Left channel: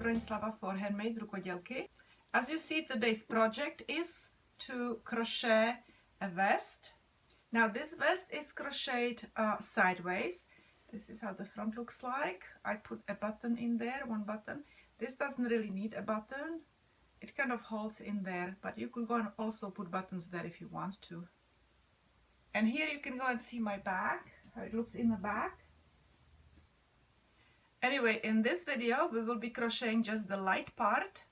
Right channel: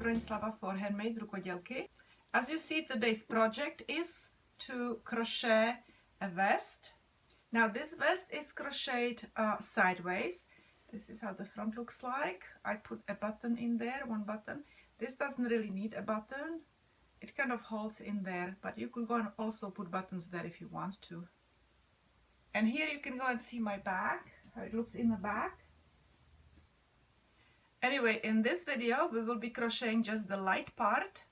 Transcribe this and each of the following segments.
Bronislava for HandMadeRukodelky. As you see, today's project is to crochet a vest. Now this vest is crocheted sideways. This is how the front looks like. I put a button in there, one button. This doesn't really need a button. It kind of holds in there, but you could go and also put buttons there if you want to. And here you can go and see my back, how it looks in the back. Anyway, in this video we will be crocheting just the light part,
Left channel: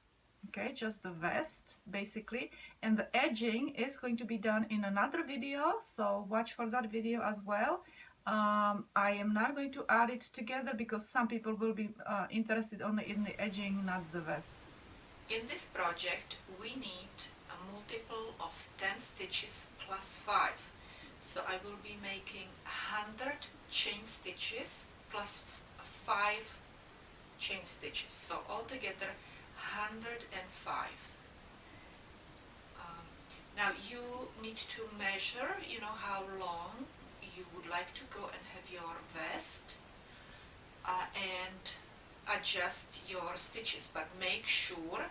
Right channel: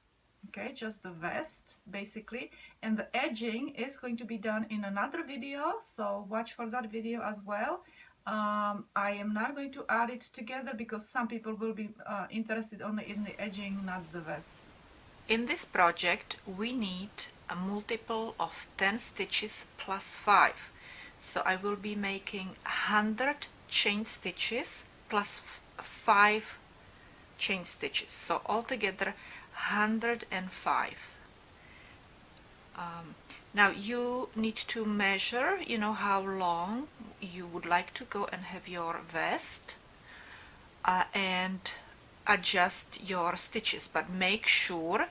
okay, just the vest basically, and the edging is going to be done in another video, so watch for that video as well. I am not going to add it together because some people will be interested only in the edging, not the vest. In this project we need a multiple of 10 stitches plus 5, so I will be making 100 chain stitches plus 5 chain stitches, so altogether 105. Now you need to measure, you know, how long you would like to go and have your vest, and adjust your stitches, but make sure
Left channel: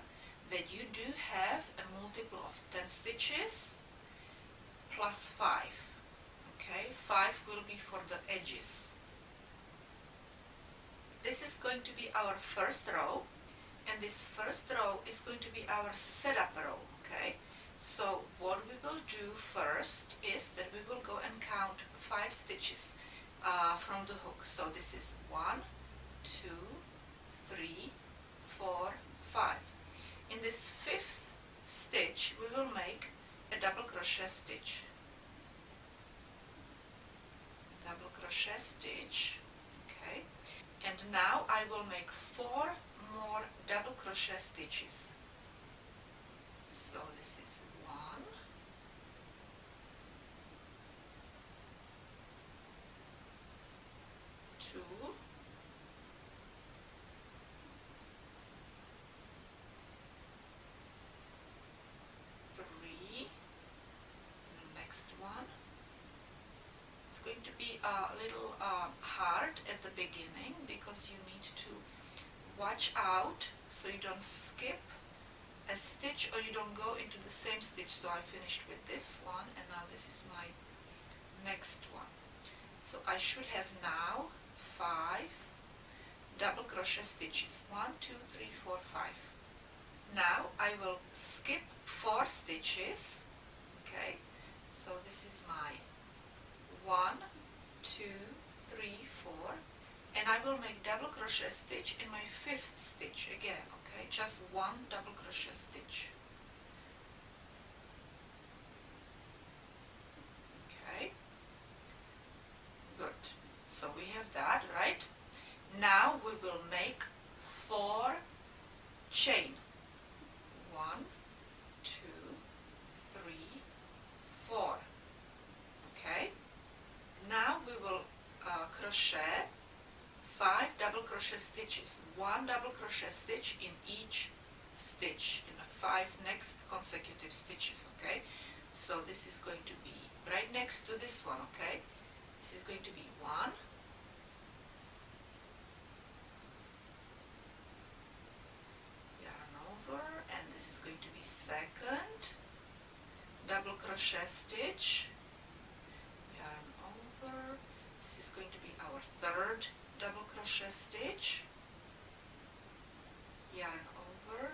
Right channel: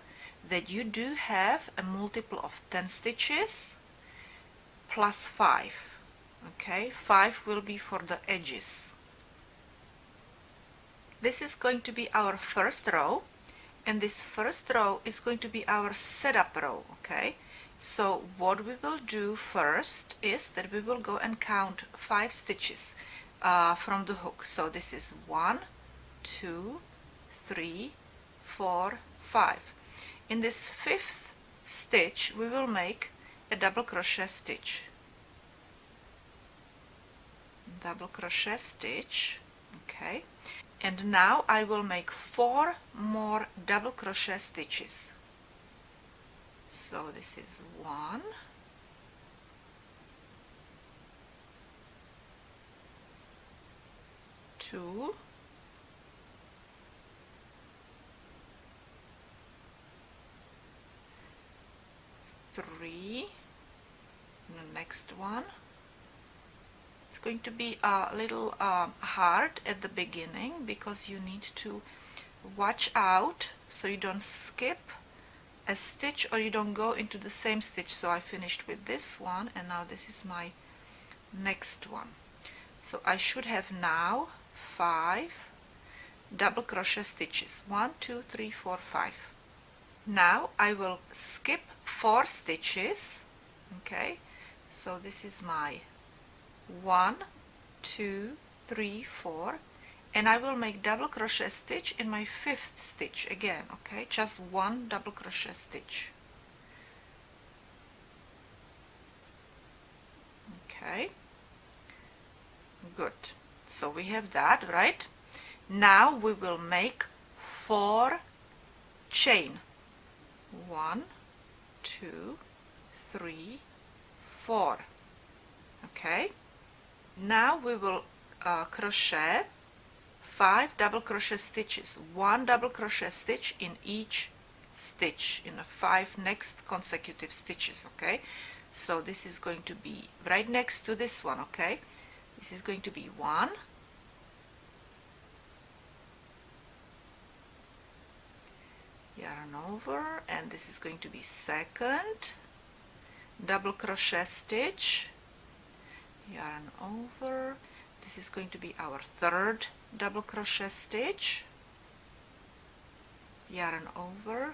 that you do have a multiple of 10 stitches plus 5. Okay, 5 will be for the edges. This is going to be our first row, and this first row is going to be our setup row. Okay, so what we will do first is that we will go and count 5 stitches from the hook. So this is 1, 2, 3, 4, 5. In this 5th stitch we will make a double crochet stitch. Double crochet stitch, okay, and now I will make 4 more double crochet stitches. So this is 1, 2, 3, and the next one. It's going to be a little hard at the beginning because you need to watch out so you don't skip a stitch or you don't go into the same stitch. So I finished with this one, and now this is my next one. So I should have now 5 double crochet stitches. 1, 2, 3, 4, 5. Now I will skip 4 stitches. Okay, so this is my 1, 2, 3, 4, and I will make double crochet stitch in my 5th stitch again. Okay, just 1 double crochet stitch. Okay, good. So we have that, right? Now we will make 4 chain. 1, 2, 3, 4. Okay, now we will crochet 5 double crochet stitches, 1 double crochet stitch in each stitch in the 5 next consecutive stitches. Okay, so this is going to be right next to this one. Okay, this is going to be 1, yarn over, and this is going to be 2nd double crochet stitch, yarn over. This is going to be our 3rd double crochet stitch, yarn over.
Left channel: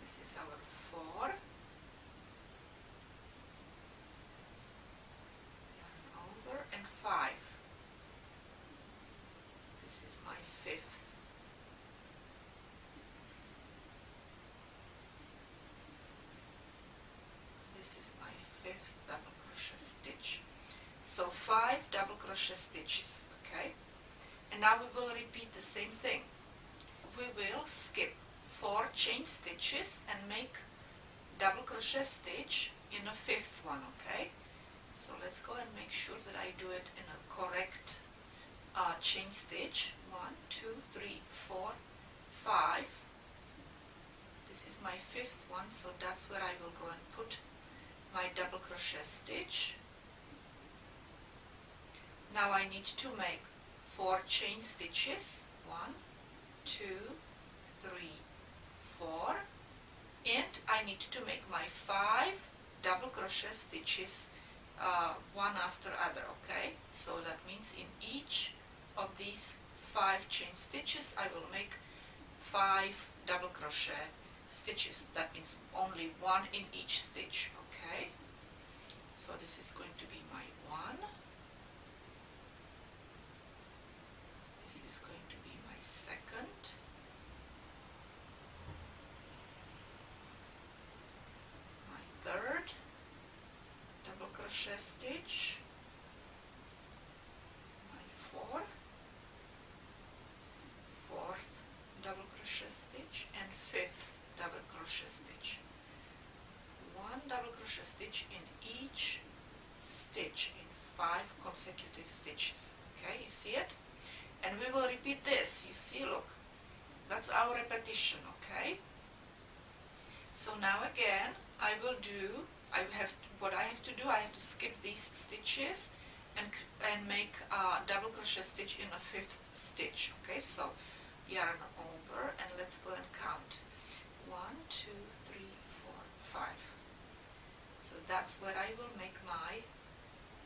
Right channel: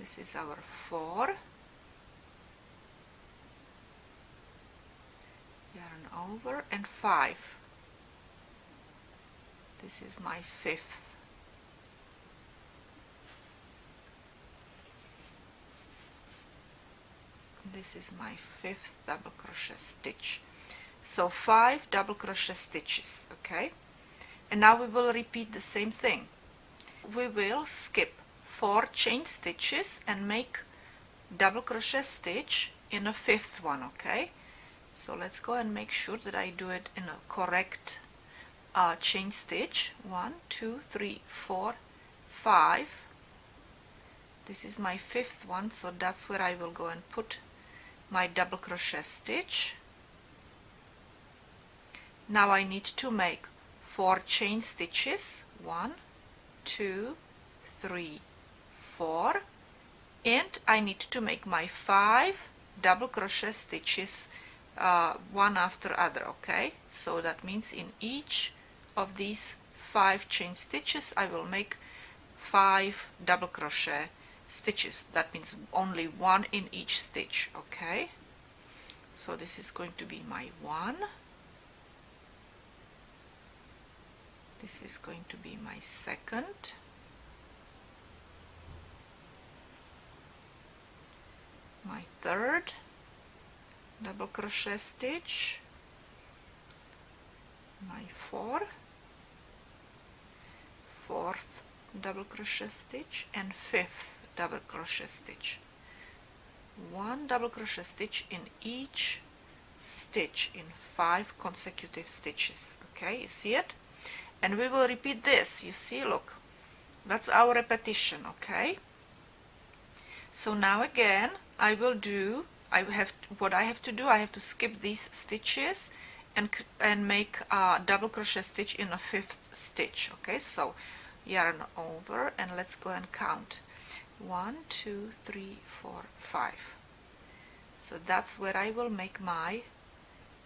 This is our 4, yarn over, and 5. This is my 5th. This is my 5th double crochet stitch. So 5 double crochet stitches. Okay, and now we will repeat the same thing. We will skip 4 chain stitches and make double crochet stitch in a 5th one. Okay, so let's go and make sure that I do it in a correct chain stitch. 1, 2, 3, 4, 5. This is my 5th one, so that's where I will go and put my double crochet stitch. Now I need to make 4 chain stitches. 1, 2, 3, 4, and I need to make my 5 double crochet stitches one after other. Okay, so that means in each of these 5 chain stitches I will make 5 double crochet stitches. That means only 1 in each stitch. Okay, so this is going to be my 1, this is going to be my 2nd, my 3rd double crochet stitch, my 4th double crochet stitch, and 5th double crochet stitch. 1 double crochet stitch in each stitch in 5 consecutive stitches. Okay, you see it? And we will repeat this. You see, look, that's our repetition. Okay, so now again I will do, what I have to do, I have to skip these stitches and make a double crochet stitch in a 5th stitch. Okay, so yarn over and let's go and count. 1, 2, 3, 4, 5. So that's where I will make my,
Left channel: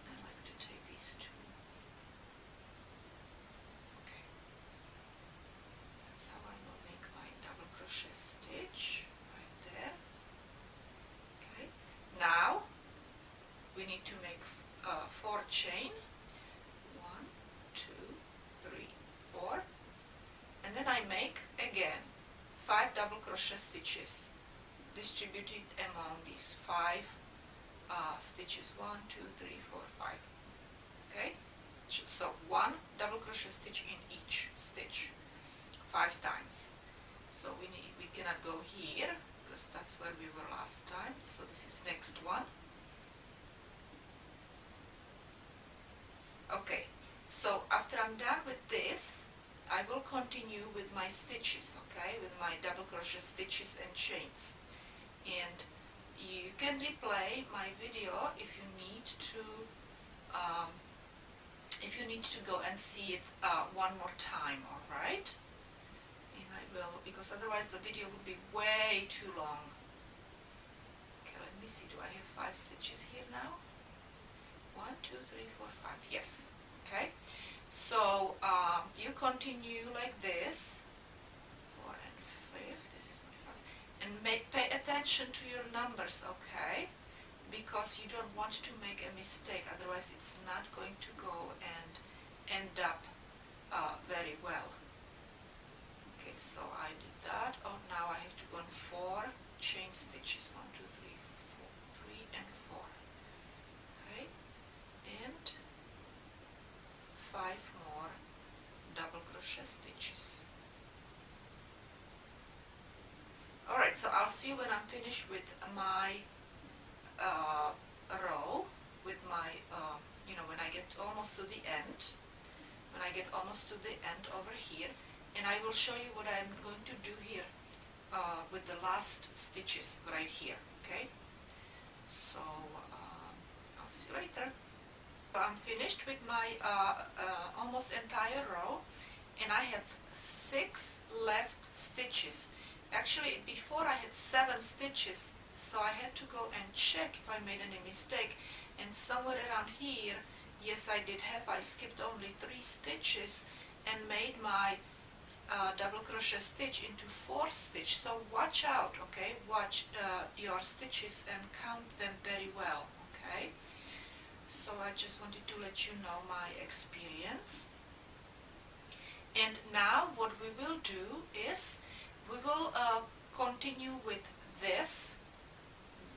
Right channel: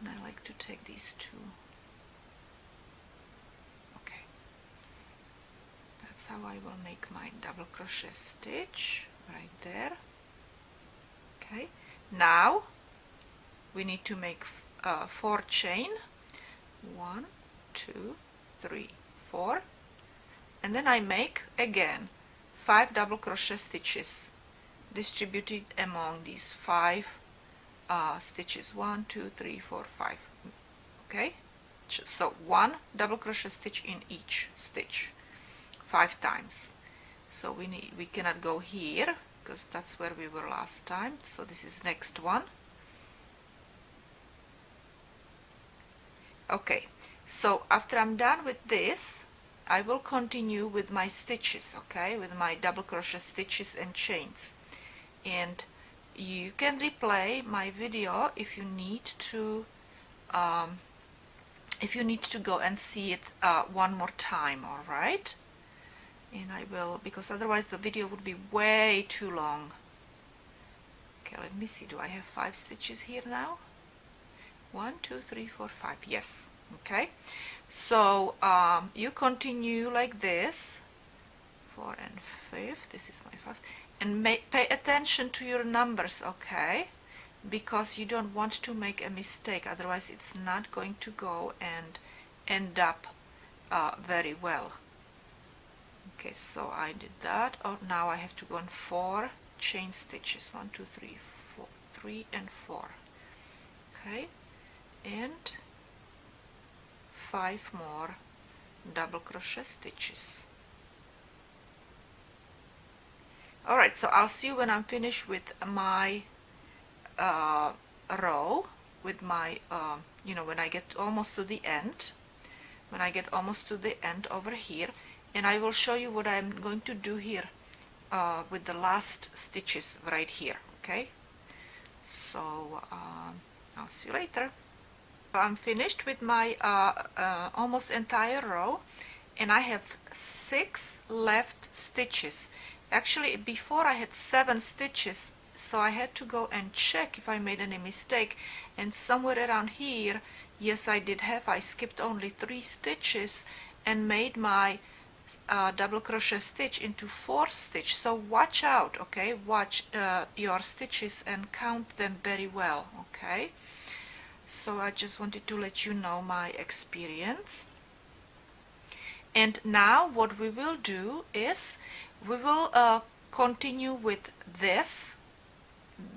and I like to take these 2. Okay, that's how I will make my double crochet stitch right there. Okay, now we need to make 4 chain. 1, 2, 3, 4, and then I make again 5 double crochet stitches distributed among these 5 stitches. 1, 2, 3, 4, 5. Okay, so 1 double crochet stitch in each stitch 5 times. So we cannot go here because that's where we were last time, so this is next one. Okay, so after I'm done with this, I will continue with my stitches, okay, with my double crochet stitches and chains. And you can replay my video if you need to go and see it one more time, all right? And I will, because otherwise the video would be way too long. Okay, let me see, do I have 5 stitches here now? 1, 2, 3, 4, 5, yes. Okay, so you continue like this, 4 and 5th, this is my 5th, and pay attention to your numbers, okay, because you don't want to make a mistake, otherwise it's not going to go and end up very well. Okay, so I did that. Oh, now I have to go on 4 chain stitches, 1, 2, 3, 4, 3 and 4. Okay, and 5 more double crochet stitches. Alright, so I'll see you when I'm finished with my row, with my, when I get almost to the end, over here, and I will show you what I'm going to do here with the last stitches right here. Okay, so I'll see you later. I'm finished with my almost entire row, and I have 6 left stitches. Actually, before I had 7 stitches, so I had to go and check if I made any mistake, and somewhere around here, yes, I did have, I skipped only 3 stitches and made my double crochet stitch into 4th stitch. So watch out, okay, watch your stitches and count them very well. Okay, so I just wanted to let you know my experience. And now what we will do is we will continue with this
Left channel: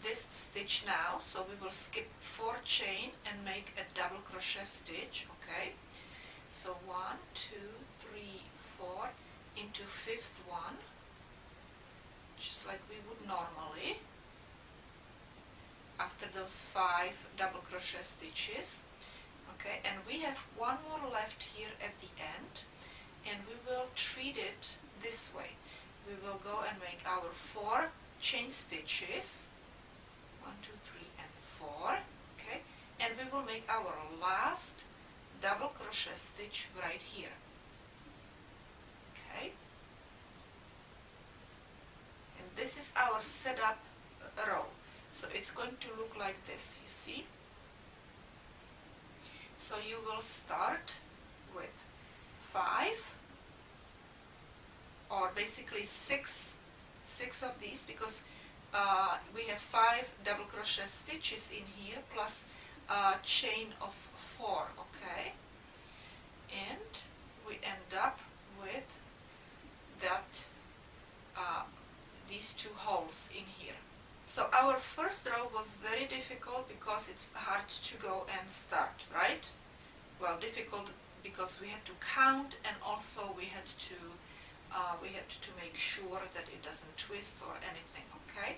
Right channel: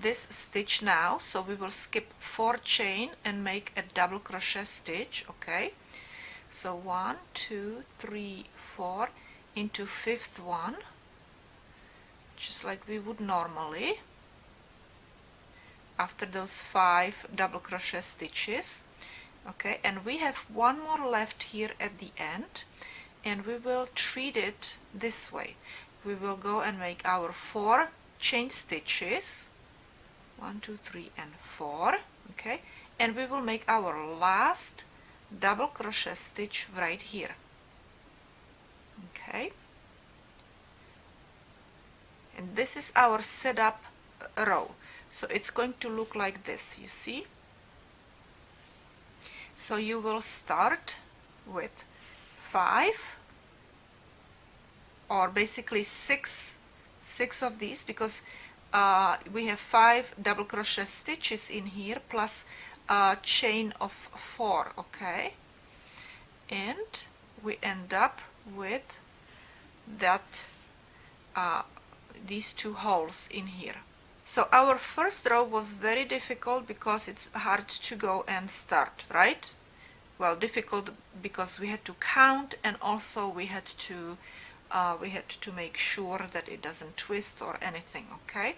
stitch now. So we will skip 4 chain and make a double crochet stitch. Okay, so 1, 2, 3, 4 into 5th one, just like we would normally after those 5 double crochet stitches. Okay, and we have 1 more left here at the end, and we will treat it this way. We will go and make our 4 chain stitches, 1, 2, 3 and 4. Okay, and we will make our last double crochet stitch right here. Okay, and this is our setup row. So it's going to look like this, you see. So you will start with 5 or basically six of these, because we have 5 double crochet stitches in here plus a chain of 4, okay, and we end up with that these 2 holes in here. So our first row was very difficult because it's hard to go and start, right? Well, difficult because we had to count, and also we had to make sure that it doesn't twist or anything, okay?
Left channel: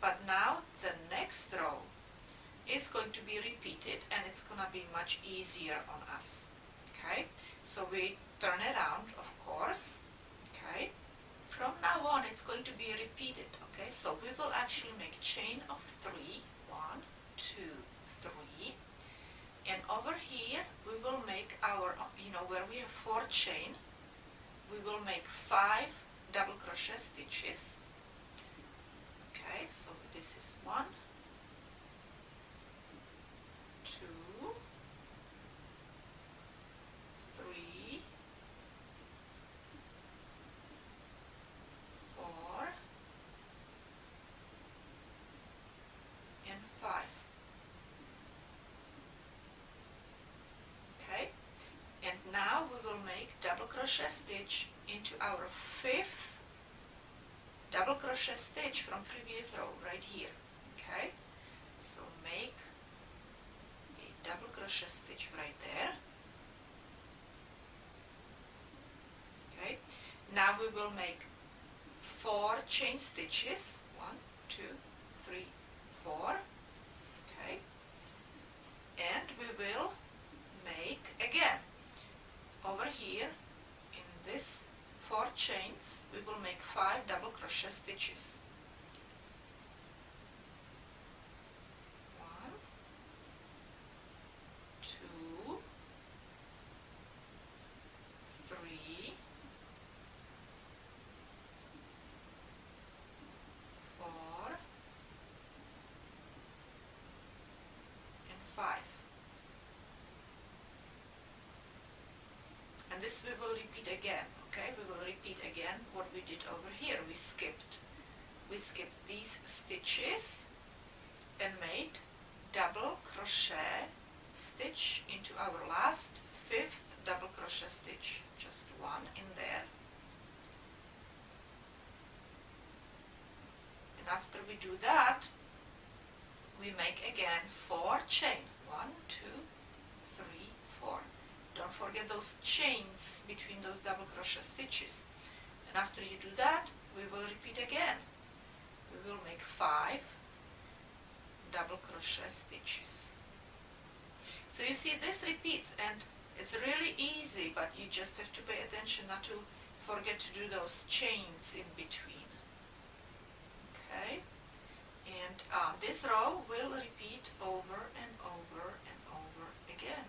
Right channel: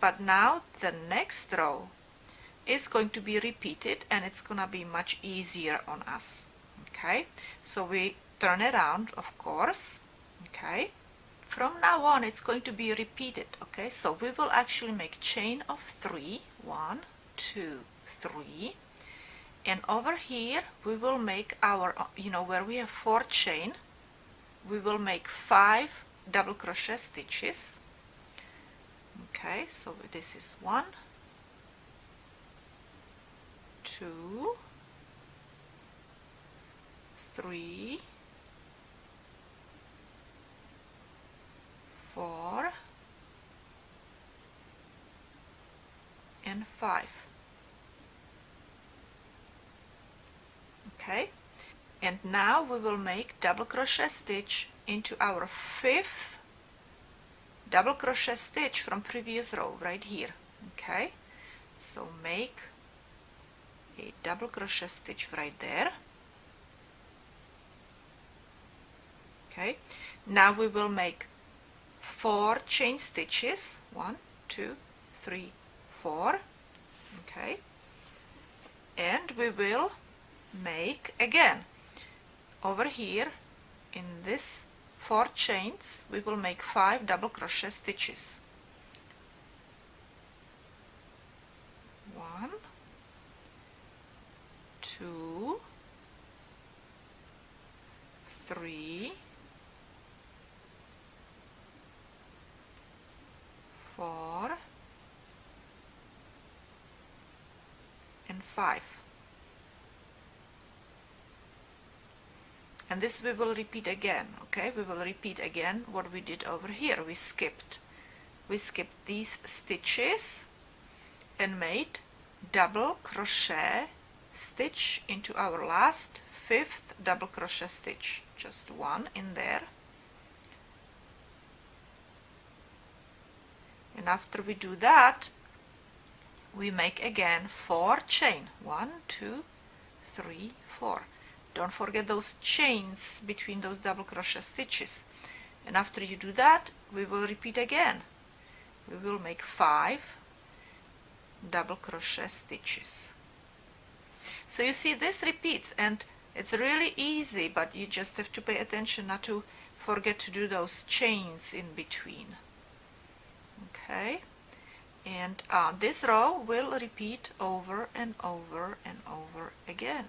But now the next row is going to be repeated, and it's gonna be much easier on us, okay? So we turn it around, of course, okay? From now on it's going to be repeated, okay? So we will actually make chain of 3, 1, 2, 3, and over here we will make our, you know, where we have 4 chain, we will make 5 double crochet stitches, okay? So this is 1, 2, 3, 4, and 5. Okay, and now we will make double crochet stitch into our 5th double crochet stitch from previous row right here, okay? So make a double crochet stitch right there, okay? Now we will make 4 chain stitches, 1, 2, 3, 4, okay, and we will make again over here in this 4 chains we will make 5 double crochet stitches, 1, 2, 3, 4, and 5. And this we will repeat again, okay? We will repeat again what we did over here. We skipped these stitches and made double crochet stitch into our last 5th double crochet stitch, just 1 in there. And after we do that, we make again 4 chain, 1, 2, 3, 4. Don't forget those chains between those double crochet stitches. And after you do that, we will repeat again. We will make 5 double crochet stitches. So you see, this repeats, and it's really easy, but you just have to pay attention not to forget to do those chains in between. Okay, and this row will repeat over and over and over again.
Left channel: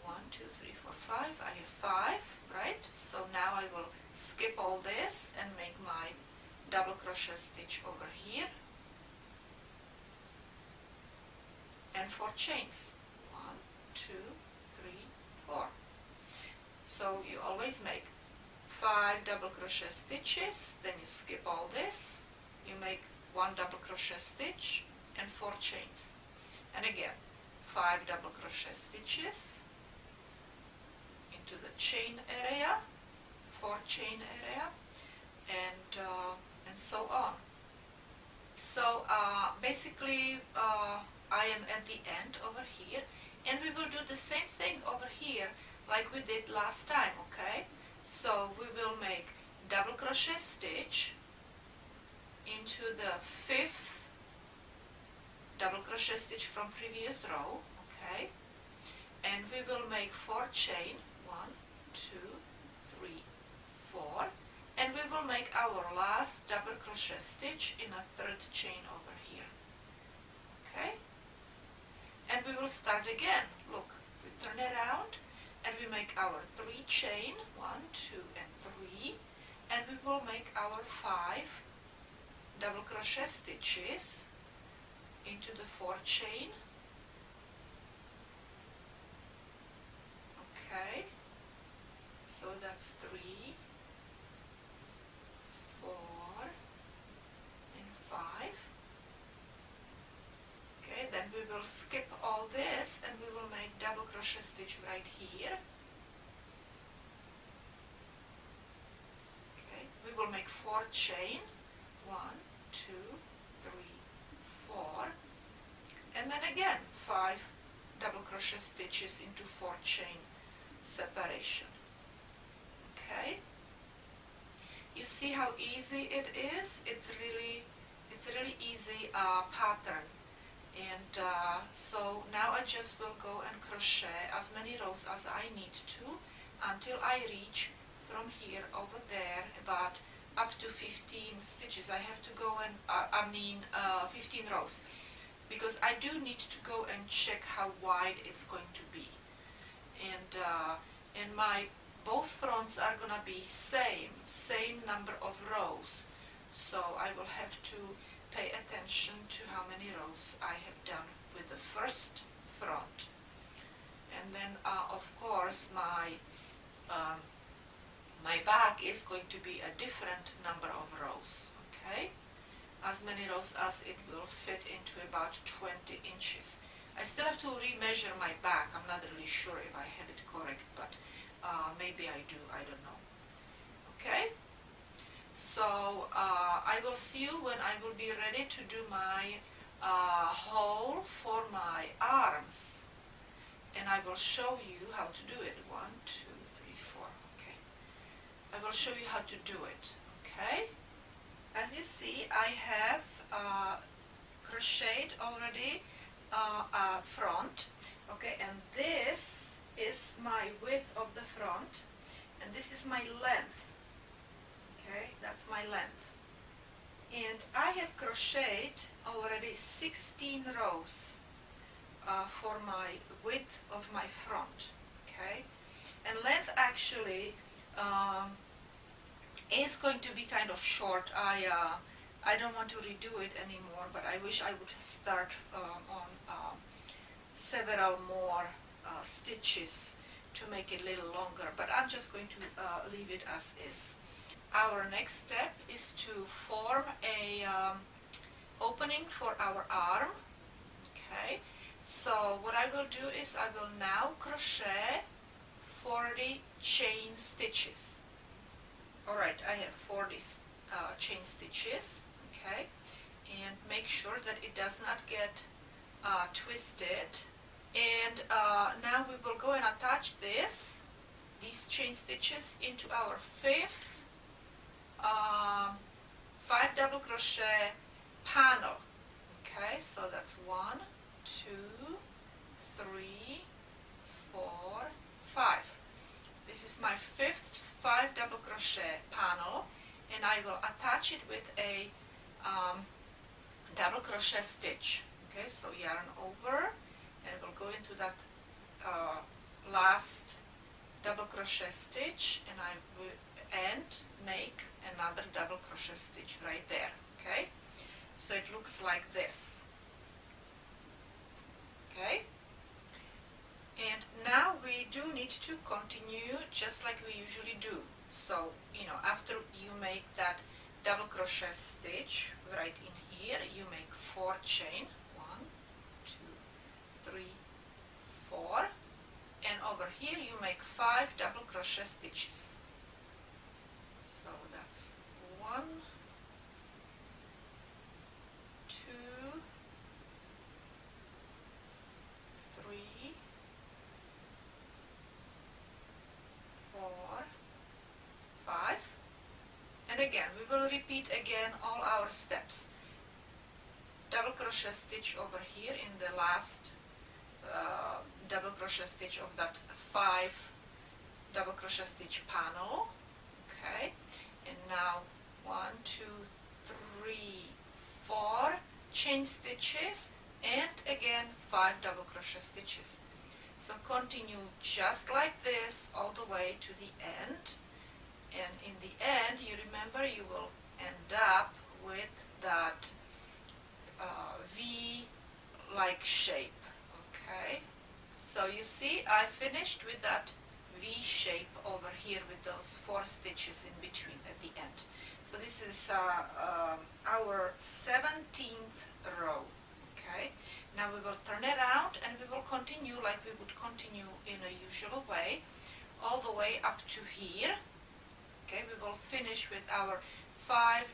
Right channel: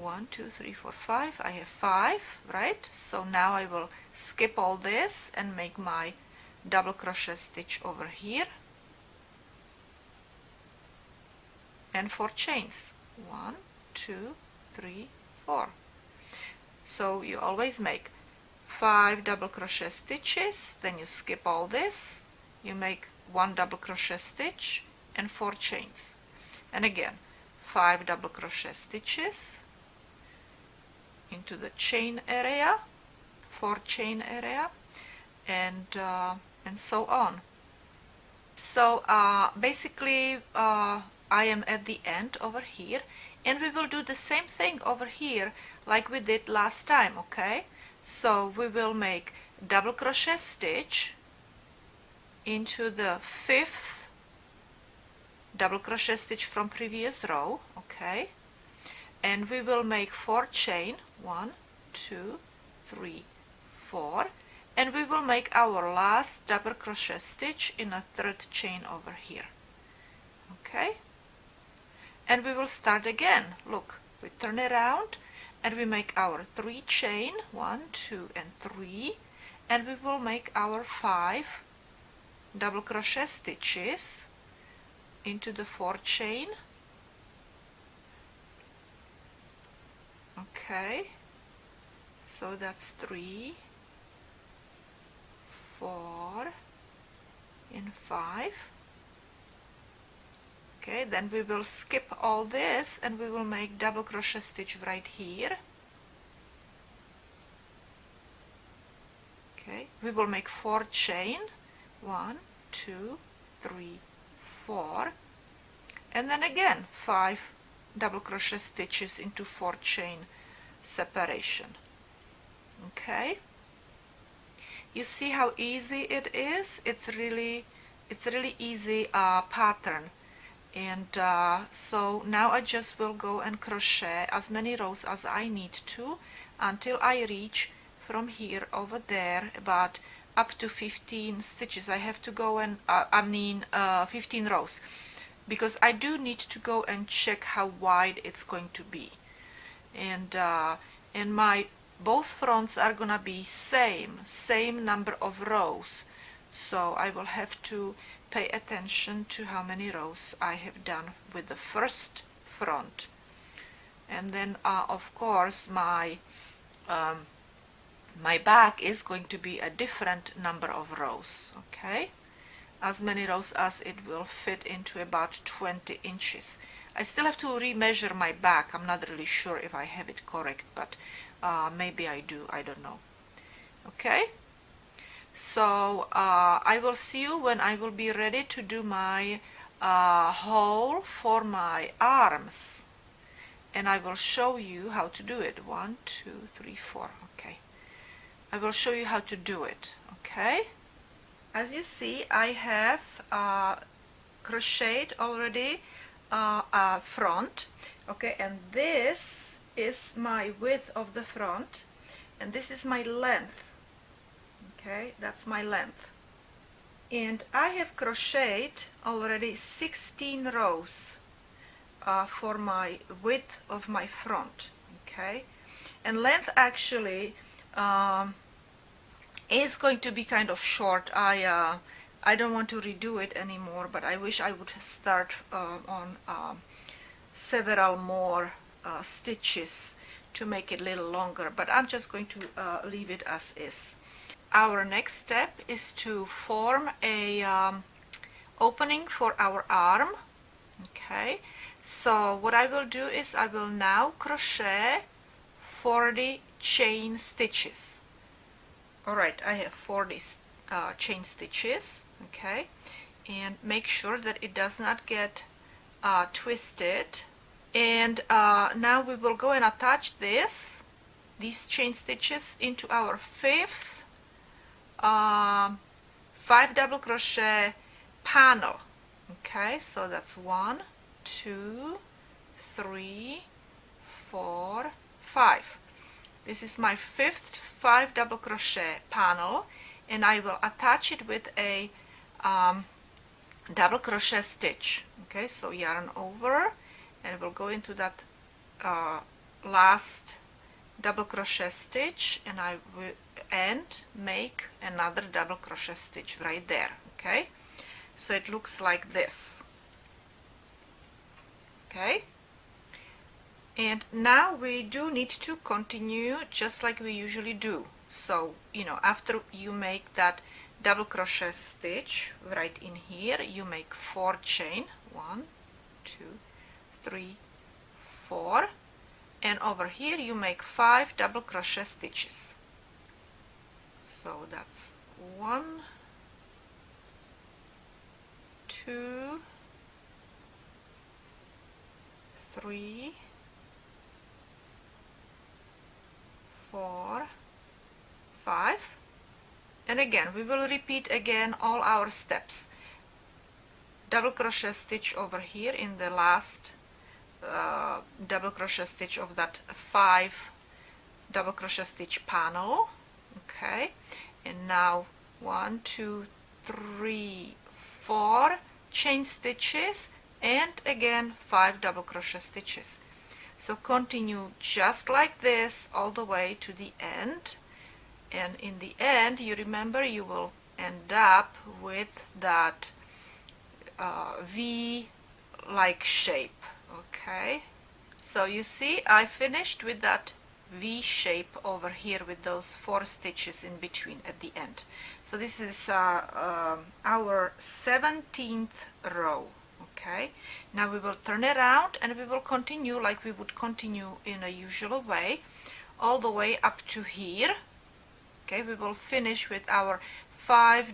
1, 2, 3, 4, 5. I have 5, right? So now I will skip all this and make my double crochet stitch over here and 4 chains. 1, 2, 3, 4. So you always make 5 double crochet stitches, then you skip all this, you make 1 double crochet stitch and 4 chains, and again 5 double crochet stitches into the chain area, 4 chain area, and so on. So basically I am at the end over here, and we will do the same thing over here like we did last time, okay? So we will make double crochet stitch into the 5th double crochet stitch from previous row, okay? And we will make 4 chain, 1, 2, 3, 4, and we will make our last double crochet stitch in a 3rd chain over here, okay? And we will start again. Look, we turn around and we make our 3 chain, 1, 2, and 3, and we will make our 5 double crochet stitches into the 4 chain. Okay, so that's 3, 4 and 5. Okay, then we will skip all this and we will make double crochet stitch right here. Okay, we will make 4 chain, 1, 2, 3, 4, and then again 5 double crochet stitches into 4 chain separation. Okay, you see how easy it is. It's really easy pattern. And so now I just will go and crochet as many rows as I need to until I reach from here over there about up to 15 stitches. I have to go and 15 rows, because I do need to go and check how wide it's going to be. And my both fronts are gonna be same number of rows, so I will have to pay attention to how many rows I have done with the first front. And then of course my my back is going to be a different number of rows. Okay, as many rows as it will fit into about 20 inches. I still have to remeasure my back. I'm not really sure if I have it correct, but maybe I do, I don't know. Okay, so I will see you when I will be ready to do my hole for my arms, and I will show you how to do it. 1, 2, 3, 4. Okay, I will show you how to do it. Okay, as you see, I have crocheted already front. Okay, and this is my width of the front, and this is my length. Okay, that's my length, and I have crocheted already 16 rows for my width of my front. Okay, and length actually is going to be kind of short. I don't want to redo it anymore, but I wish I would start on several more stitches to make it a little longer, but I'm just going to leave it as is. Our next step is to form a opening for our arm. Okay, so what I will do is I will now crochet 40 chain stitches. Alright, I have 40 chain stitches. Okay, and make sure that it does not get twisted. And now we will go and attach these chain stitches into our 5th 5 double crochet panel. Okay, so that's 1, 2, 3, 4, 5. This is my 5th 5 double crochet panel, and I will attach it with a double crochet stitch. Okay, so yarn over, and we'll go into that last double crochet stitch, and I will make another double crochet stitch right there. Okay, so it looks like this. Okay, and now we do need to continue just like we usually do. So, you know, after you make that double crochet stitch right in here, you make 4 chain, 1, 2, 3, 4, and over here you make 5 double crochet stitches. So that's 1, 2, 3, 4, 5, and again we will repeat again all our steps. Double crochet stitch over here in the last double crochet stitch of that 5 double crochet stitch panel. Okay, and now 1, 2, 3, 4 chain stitches, and again 5 double crochet stitches. So continue just like this all the way to the end, and in the end, you remember, you will end up with that V-like shape. Okay, so you see I finished with that V shape over here with those 4 stitches in between at the end. So this is our 17th row. Okay, now we will turn it around and we will continue like we would continue in a usual way all the way up to here. Okay, we will finish with our 5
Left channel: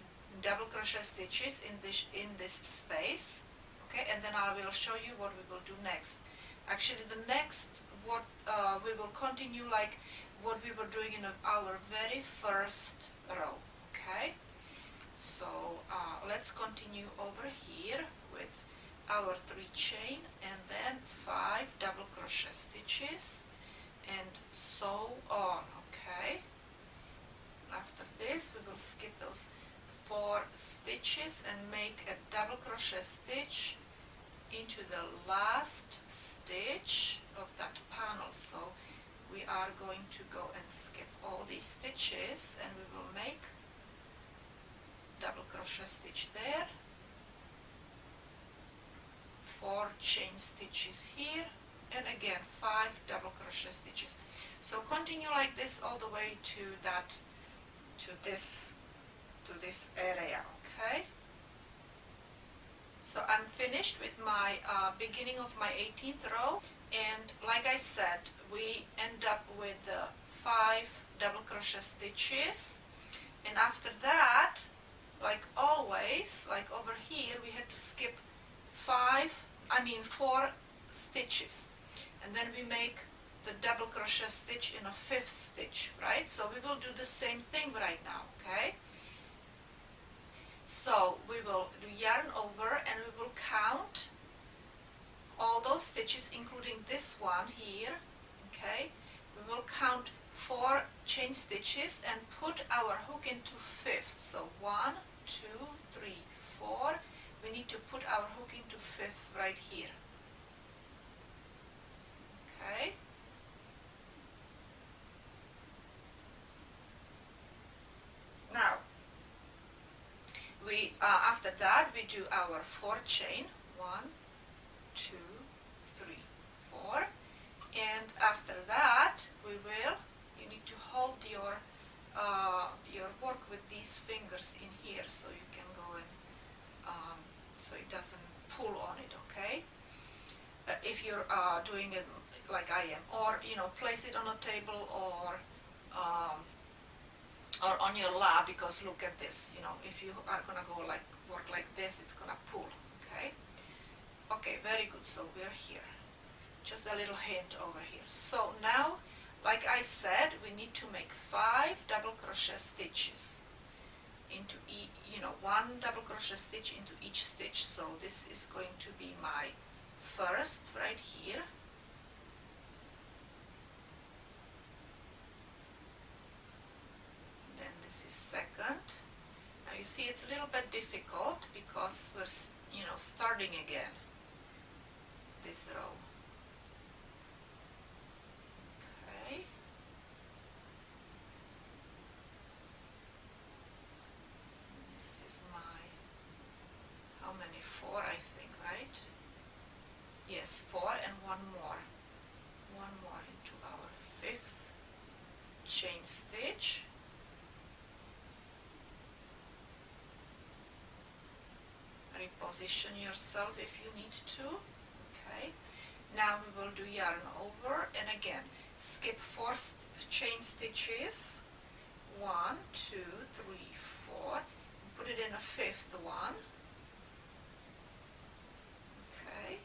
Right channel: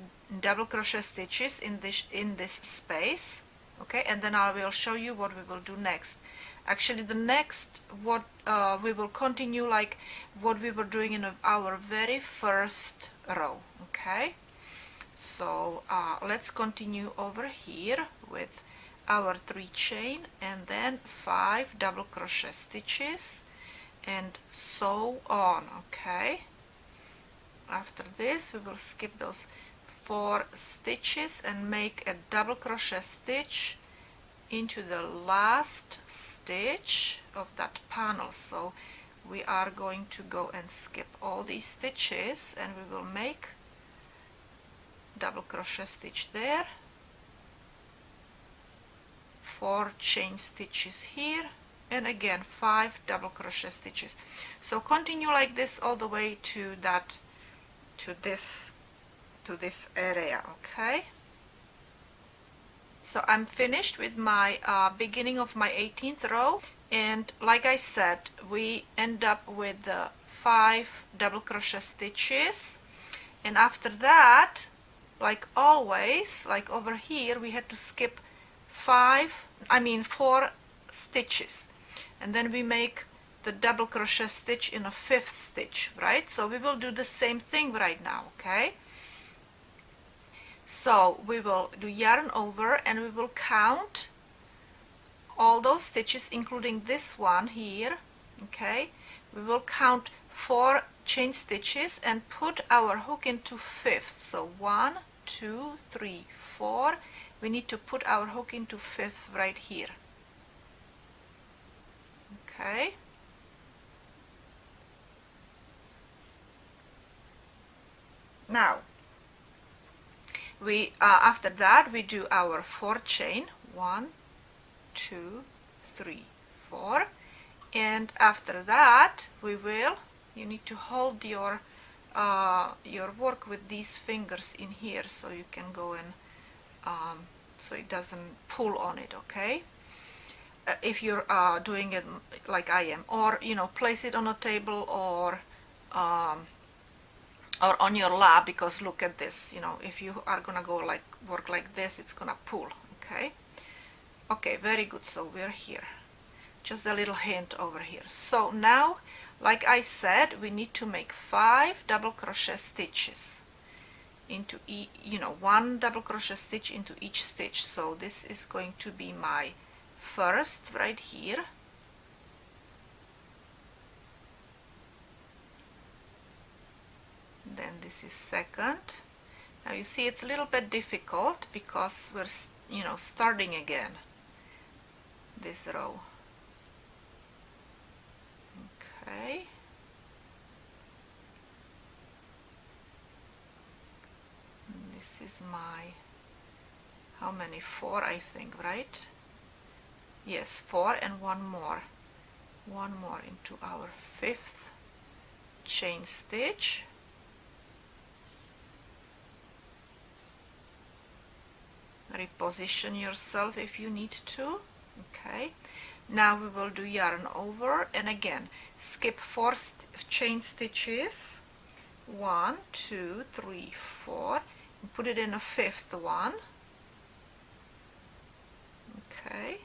double crochet stitches in this space. Okay, and then I will show you what we will do next. Actually, the next we will continue like what we were doing in our very first row. Okay, so let's continue over here with our 3 chain and then 5 double crochet stitches and so on. Okay, after this we will skip those 4 stitches and make a double crochet stitch into the last stitch of that panel. So we are going to go and skip all these stitches and we will make double crochet stitch there, 4 chain stitches here, and again 5 double crochet stitches. So continue like this all the way to this area. Okay, so I'm finished with my beginning of my 18th row, and like I said, we end up with 5 double crochet stitches, and after that, like always, like over here, we had to skip 4 stitches, and then we make the double crochet stitch in a 5th stitch, right? So we will do the same thing right now. Okay, so we will do yarn over and we will count all those stitches including this one here. Okay, we will count 4 chain stitches and put our hook into 5th. So 1, 2, 3, 4. We need to put our hook into 5th right here. Okay, now we after that we do our 4 chain, 1, 2, 3, 4, and after that we will, you need to hold your work with these fingers in here so you can go and so it doesn't pull on it. Okay, if you're doing it like I am, or place it on a table or on your lap, because look at this, if you are gonna go work like this, it's gonna pull. Okay, okay, very good. So we're here, just a little hint over here. So now, like I said, we need to make 5 double crochet stitches into 1 double crochet stitch into each stitch. So this is going to be my first right here, then this is second. Now you see it's a little bit difficult because we're starting again this row. Okay, and this is my, how many, 4 I think, right? Yes, 4 and one more into our 5th chain stitch. Reposition yourself if you need to. Okay, now we will do yarn over and again skip 4 chain stitches, 1, 2, 3, 4, and put it in a 5th one. Okay,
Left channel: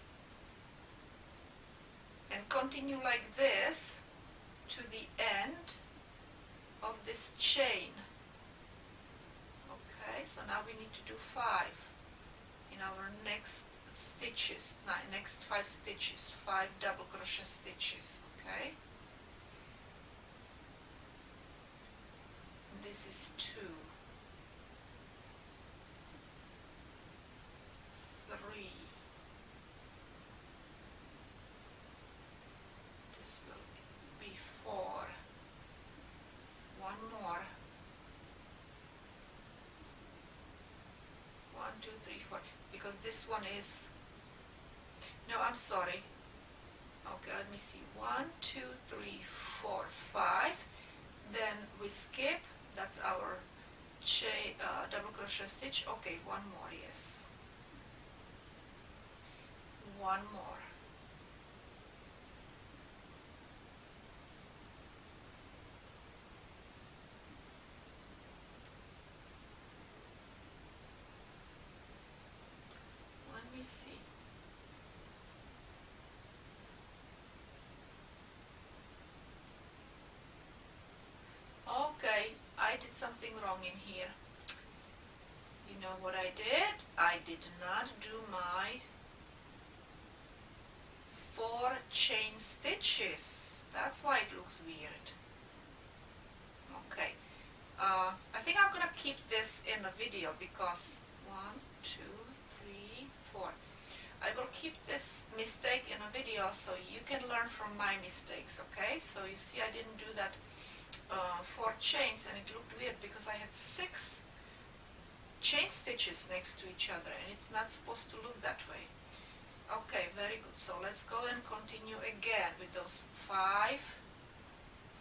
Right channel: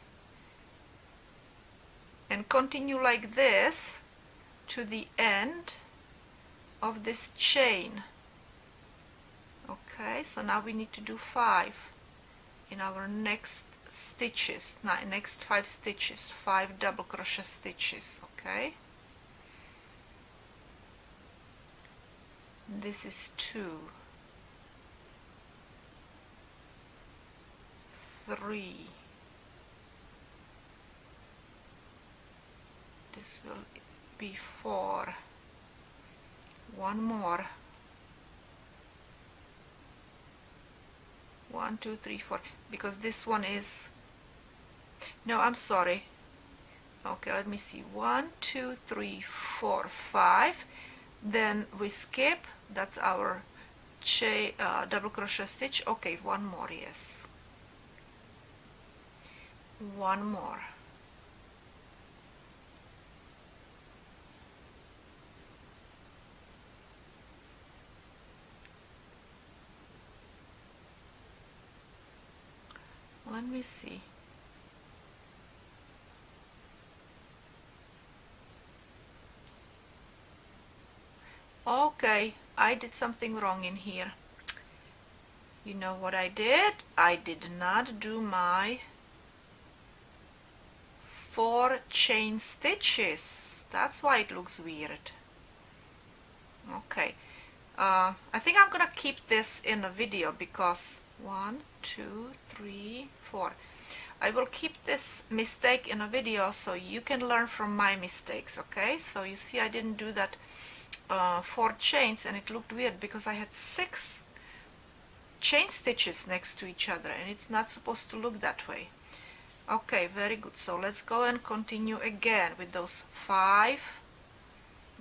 and continue like this to the end of this chain. Okay, so now we need to do 5 in our next stitches, next 5 stitches, 5 double crochet stitches. Okay, this is 2, 3, this will be 4, one more, 1, 2, 3, 4, because this one is, no, I'm sorry. Okay, let me see, 1, 2, 3, 4, 5, then we skip, that's our double crochet stitch. Okay, one more, yes, one more. Let me see. Okay, I did something wrong in here. You know what I did? I did not do my 4 chain stitches. That's why it looks weird. Okay, I think I'm gonna keep this in a video because 1, 2, 3, 4. I will keep this mistake in a video so you can learn from my mistakes, okay? So you see I didn't do that 4 chains and it looked weird because I had 6 chain stitches next to each other and it's not supposed to look that way. Okay, very good. So let's go and continue again with those 5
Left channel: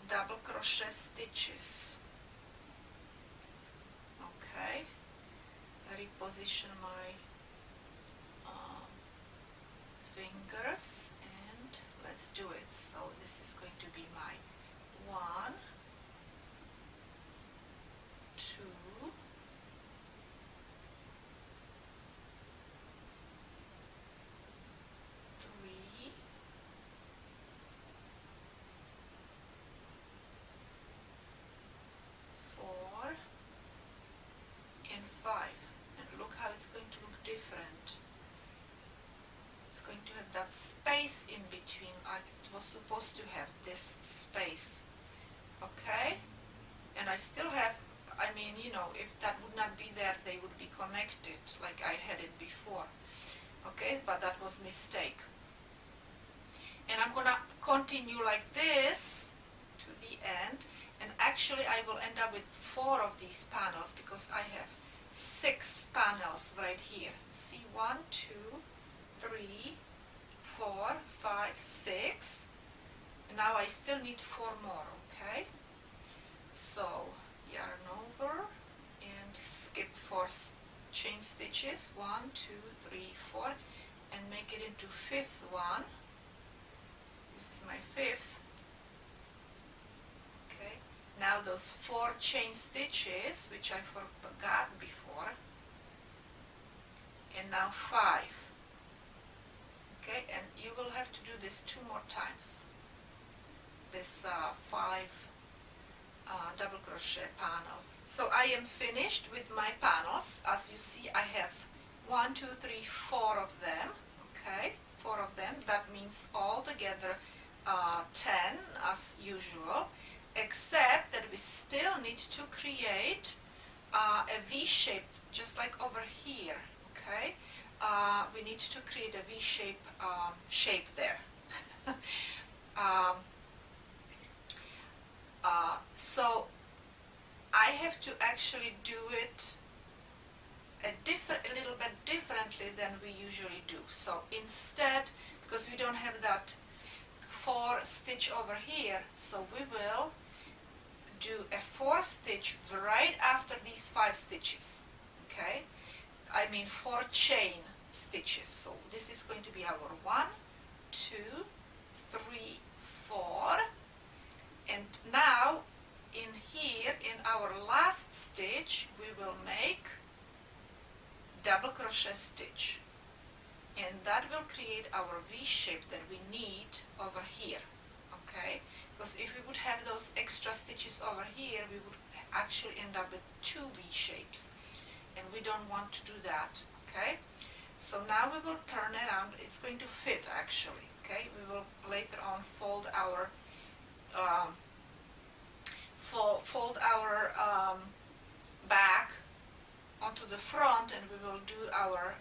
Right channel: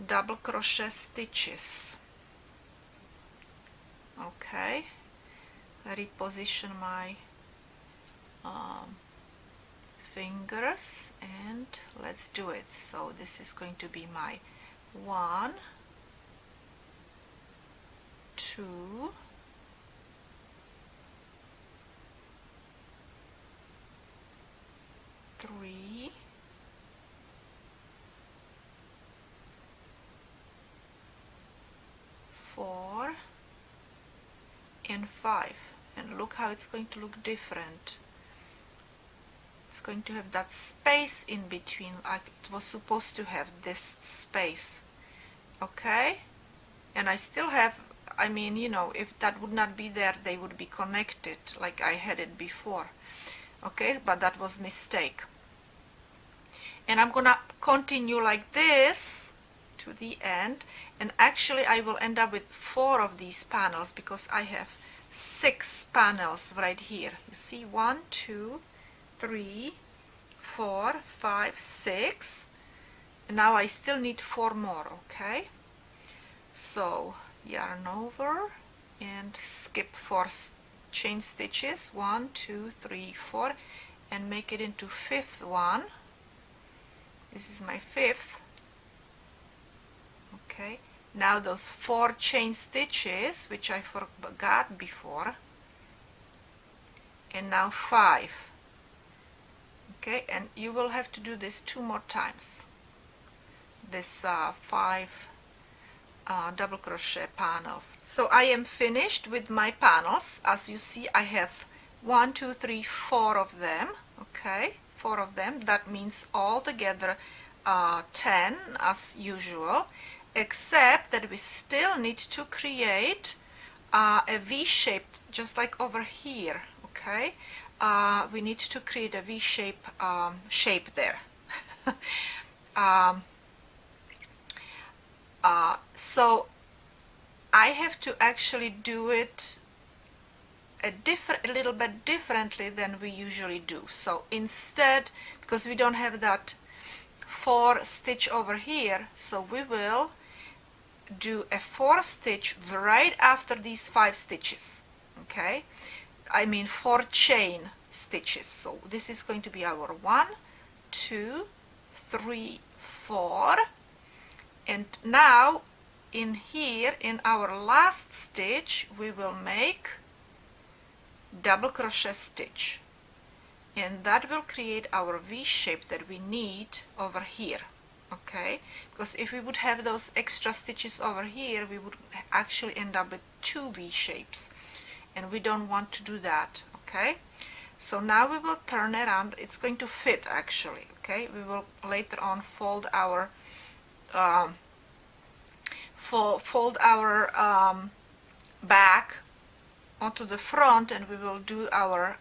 double crochet stitches. Okay, reposition my fingers and let's do it. So this is going to be my 1, 2, 3, 4, and 5. And look how it's going to look different. It's going to have that space in between, like it was supposed to have this space. Okay, and I still have, I mean, you know, if that would not be there, they would be connected like I had it before. Okay, but that was mistake. And I'm gonna continue like this to the end, and actually I will end up with 4 of these panels because I have 6 panels right here. You see, 1, 2, 3, 4, 5, 6. And now I still need 4 more, okay? So yarn over and skip 4 chain stitches, 1, 2, 3, 4, and make it into 5th one. This is my 5th. Okay, now those 4 chain stitches, which I forgot before, and now 5. Okay, and you will have to do this 2 more times. This 5 double crochet panel. So I am finished with my panels. As you see, I have 1, 2, 3, 4 of them. Okay, 4 of them. That means all together 10 as usual, except that we still need to create a V-shaped, just like over here. Okay, we need to create a V-shape shape there. So I have to actually do it a little bit differently than we usually do. So instead, because we don't have that 4 stitch over here, so we will do a 4 stitch right after these 5 stitches. Okay, I mean 4 chain stitches. So this is going to be our 1, 2, 3, 4. And now in here, in our last stitch, we will make double crochet stitch, and that will create our V shape that we need over here. Okay, because if we would have those extra stitches over here, we would actually end up with 2 V shapes, and we don't want to do that. Okay, so now we will turn around. It's going to fit actually. Okay, we will later on fold our back onto the front, and we will do our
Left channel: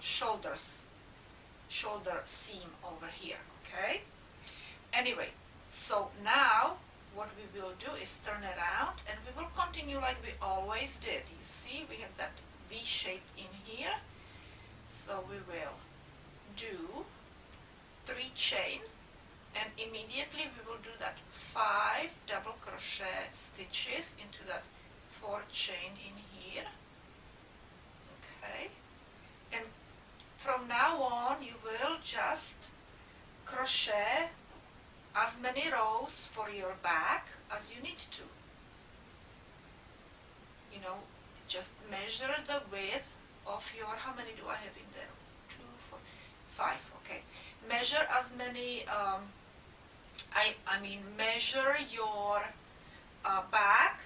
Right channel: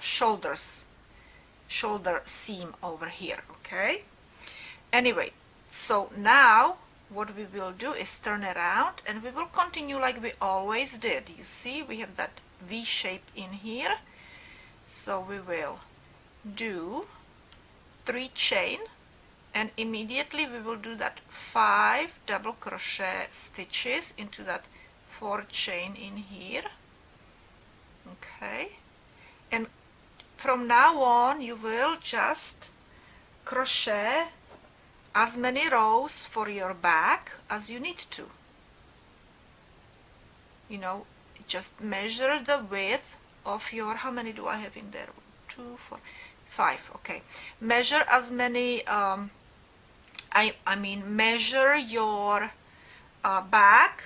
shoulder seam over here. Okay, anyway, so now what we will do is turn around and we will continue like we always did. You see, we have that V shape in here. So we will do 3 chain, and immediately we will do that 5 double crochet stitches into that 4 chain in here. Okay, and from now on you will just crochet as many rows for your back as you need to. You know, just measure the width of your, how many do I have in there? 2, 4, 5. Okay, measure as many I mean measure your back.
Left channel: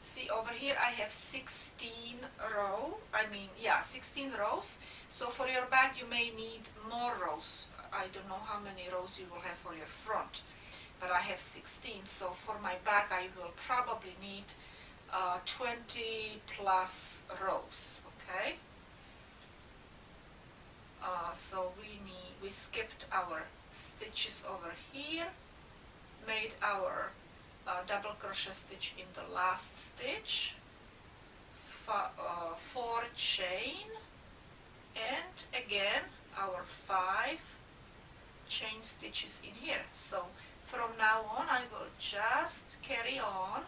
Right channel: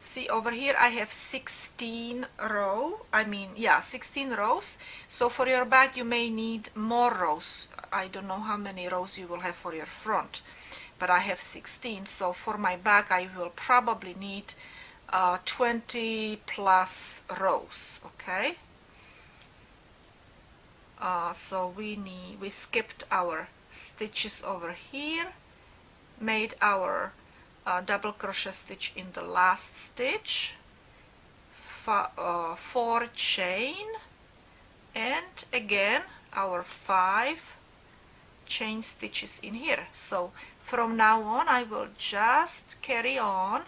See, over here I have 16 16 rows. So for your back you may need more rows. I don't know how many rows you will have for your front, but I have 16. So for my back I will probably need 20 plus rows. Okay, so we skipped our stitches over here, made our double crochet stitch in the last stitch, 4 chain, and again our 5 chain stitches in here. So from now on I will just carry on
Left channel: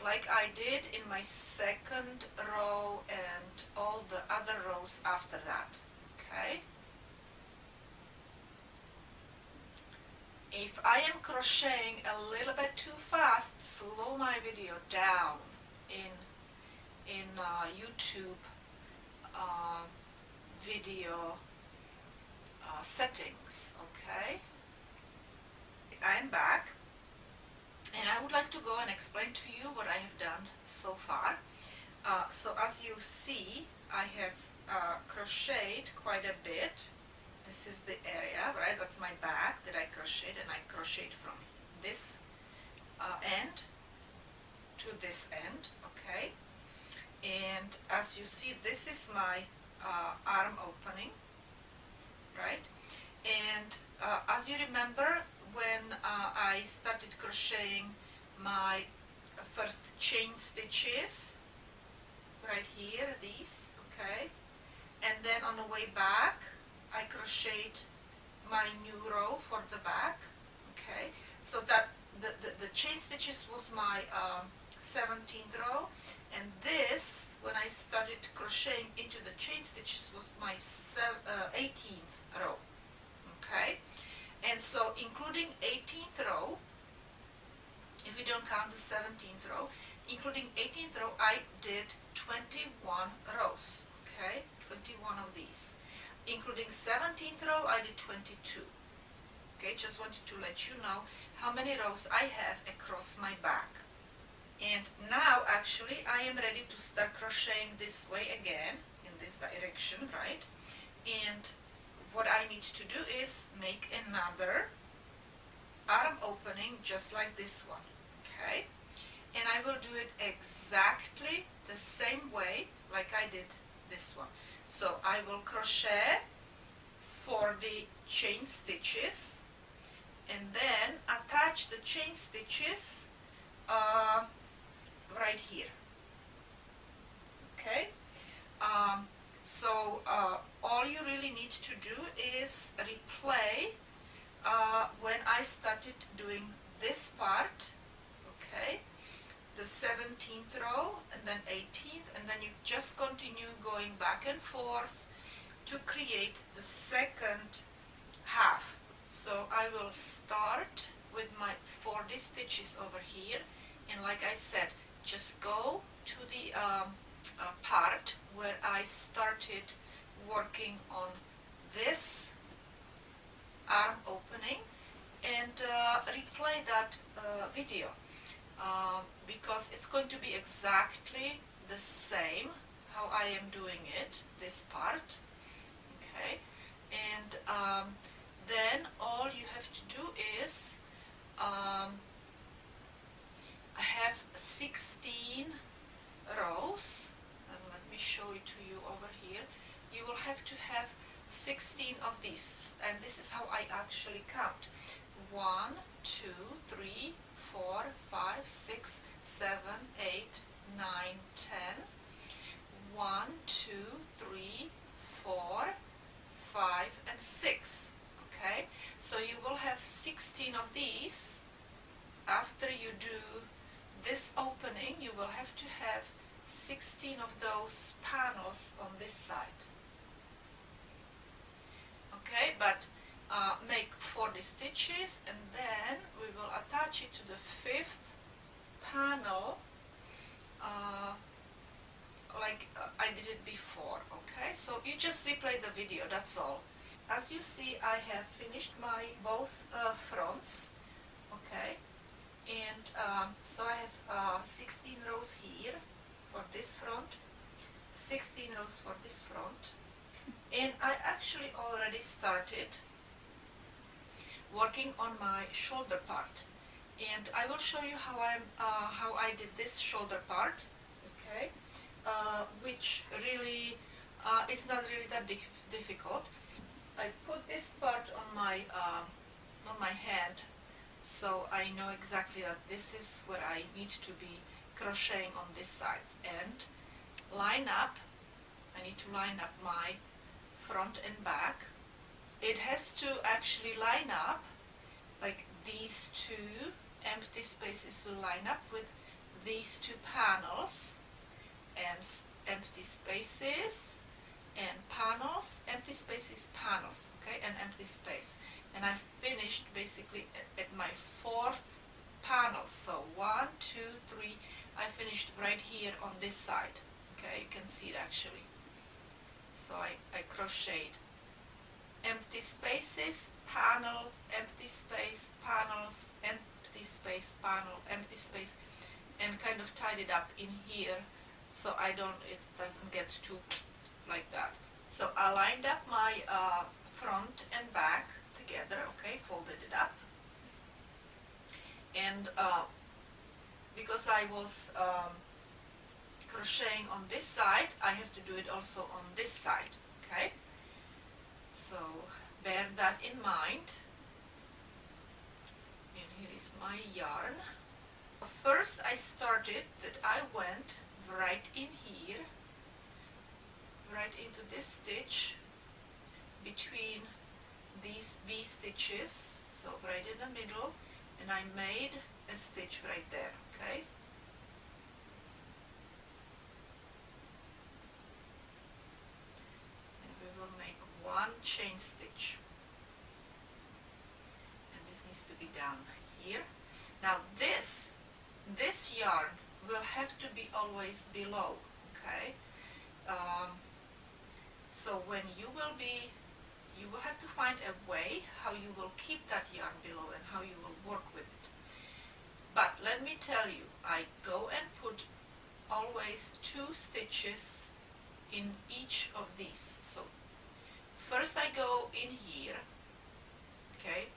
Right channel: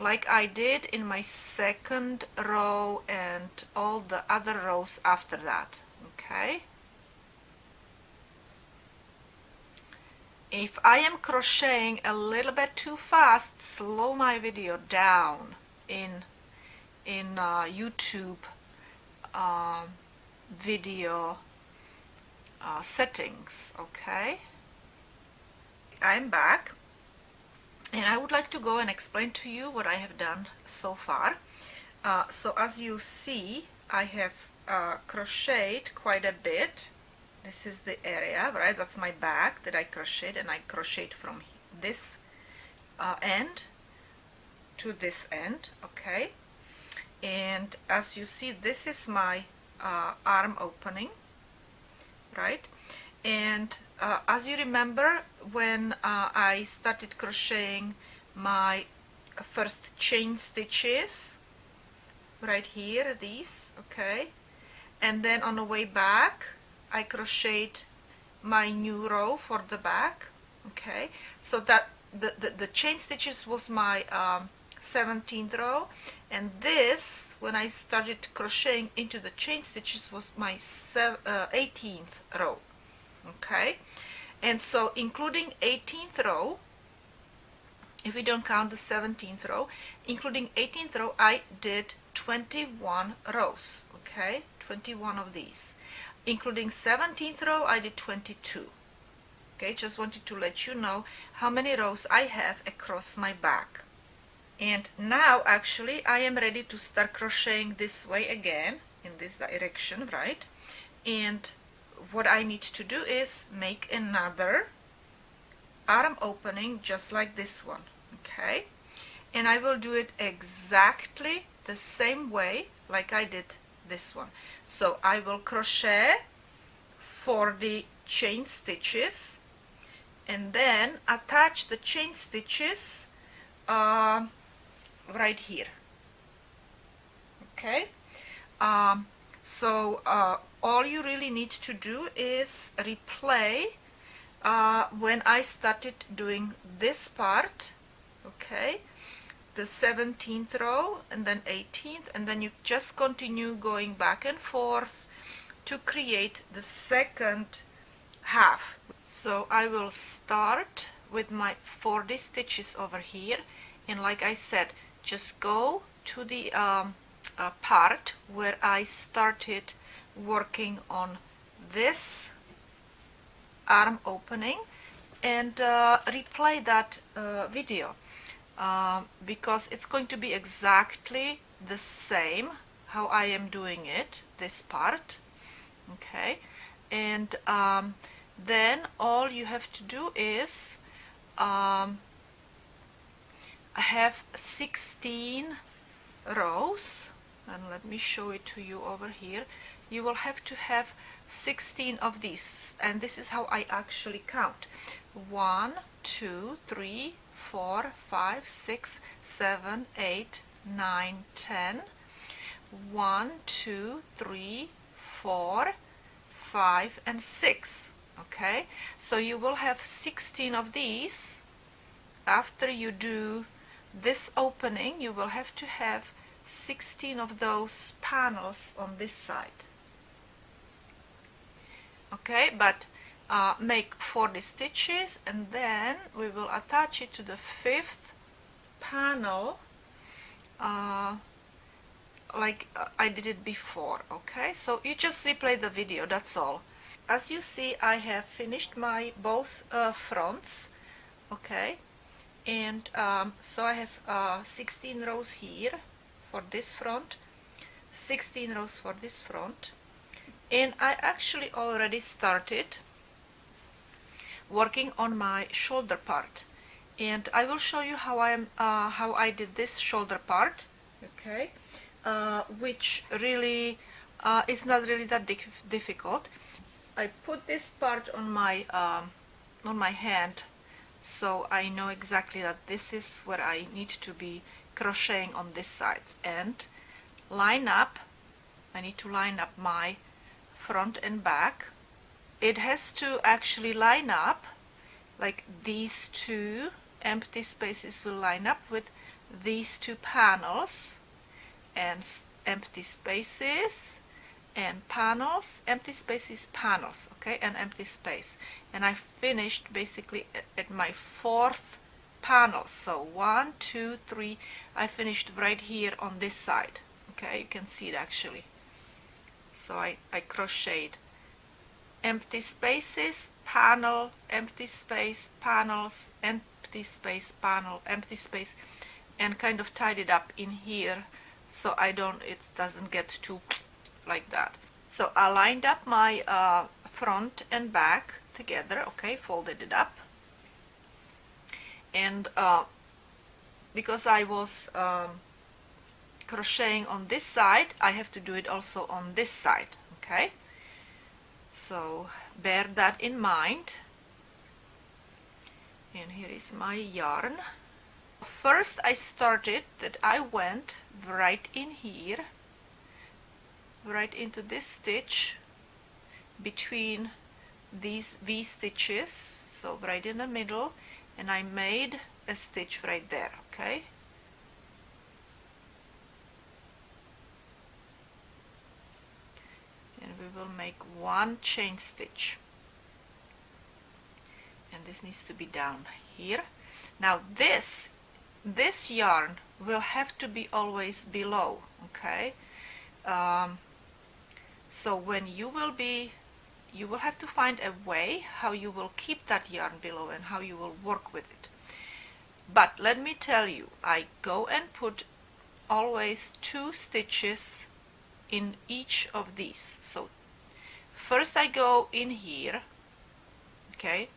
like I did in my second row and all the other rows after that. Okay, if I am crocheting a little bit too fast, slow my video down in YouTube video settings. Okay, I'm back and I would like to go and explain to you what I have done so far. So as you see, I have crocheted quite a bit. This is the area, right? That's my back that I crocheted, and I crocheted from this end to this end. Okay, and as you see, this is my arm opening, right? And as you remember, when I started crocheting my first chain stitches right here, these, okay, and then on the way back I crocheted my new row for the back. Okay, so that the chain stitches was my 17th row, and this, when I started crocheting into the chain stitches, was my 18th row. Okay, and so including 18th row, if we don't count the 17th row, including 18th row, I did 21 rows. Okay, 21 of these. Including 17th row, I did 22. Okay, just wanted to let you know how many rows I have across my back. And now actually I am ready to start crocheting this way again, in this direction, right? And what I need to do is make another arm opening just like this one. Okay, and I will do it exactly the same way like I did this one. So I will crochet 40 chain stitches and then attach the chain stitches right here. Okay, so all you really need to do is replay when I started doing this part. Okay, the 17th row and then 18th, and then you just continue going back and forth to create the second half. So I will start with my 40 stitches over here, and like I said, just go to the part where I started working on this arm opening and replay that video. Because it's going to be exactly the same how I am doing it, this part. Okay, and then all you have to do is have 16 rows, and let me show it to you over here. You will have to have 16 of these, and this is how I actually count: 1, 2, 3, 4, 5, 6, 7, 8, 9, 10. 1, 2, 3, 4, 5, and 6. Okay, so you will have 16 of these. After you do this opening, you will have to have 16 of those panels on this side. Okay, but make 40 stitches, and then we will attach it to the 5th panel like I did it before. Okay, so you just replay the video, that's all. As you see, I have finished my both fronts. Okay, and so I have 16 rows here for this front, 16 rows for this front, and I actually already started working on my shoulder part, and I will show you how I did this shoulder part. Okay, which really is not really that difficult. I put this part on my hand, so I know exactly that this is where I need to be crocheting on this side, and line up. I need to line up my front and back. It has to actually line up, like these two empty spaces will line up with these two panels, and empty spaces and panels, empty spaces, panels, okay, and empty space. And I finished basically at my 4th panel. So 1, 2, 3, I finished right here on this side. Okay, you can see it actually. So I crocheted empty spaces, panel, empty space, panels, empty space, panel, empty space, and kind of tied it up in here, so it doesn't get too like that. So I lined up my front and back together. Okay, folded it up, and because I was crocheting on this side, I have to do it also on this side. Okay, so bear that in mind. And here is my yarn. First I started that I went right in here, right into this stitch between these V stitches, so right in the middle, and I made a stitch right there. Okay, and we will make one chain stitch, and this needs to be down here. Now this yarn will have to be always below. Okay, so when you will have to find a way how you will keep that yarn below and how you will work with it. But let me tell you, I go and put always 2 stitches in each of these. So first I go in here, okay,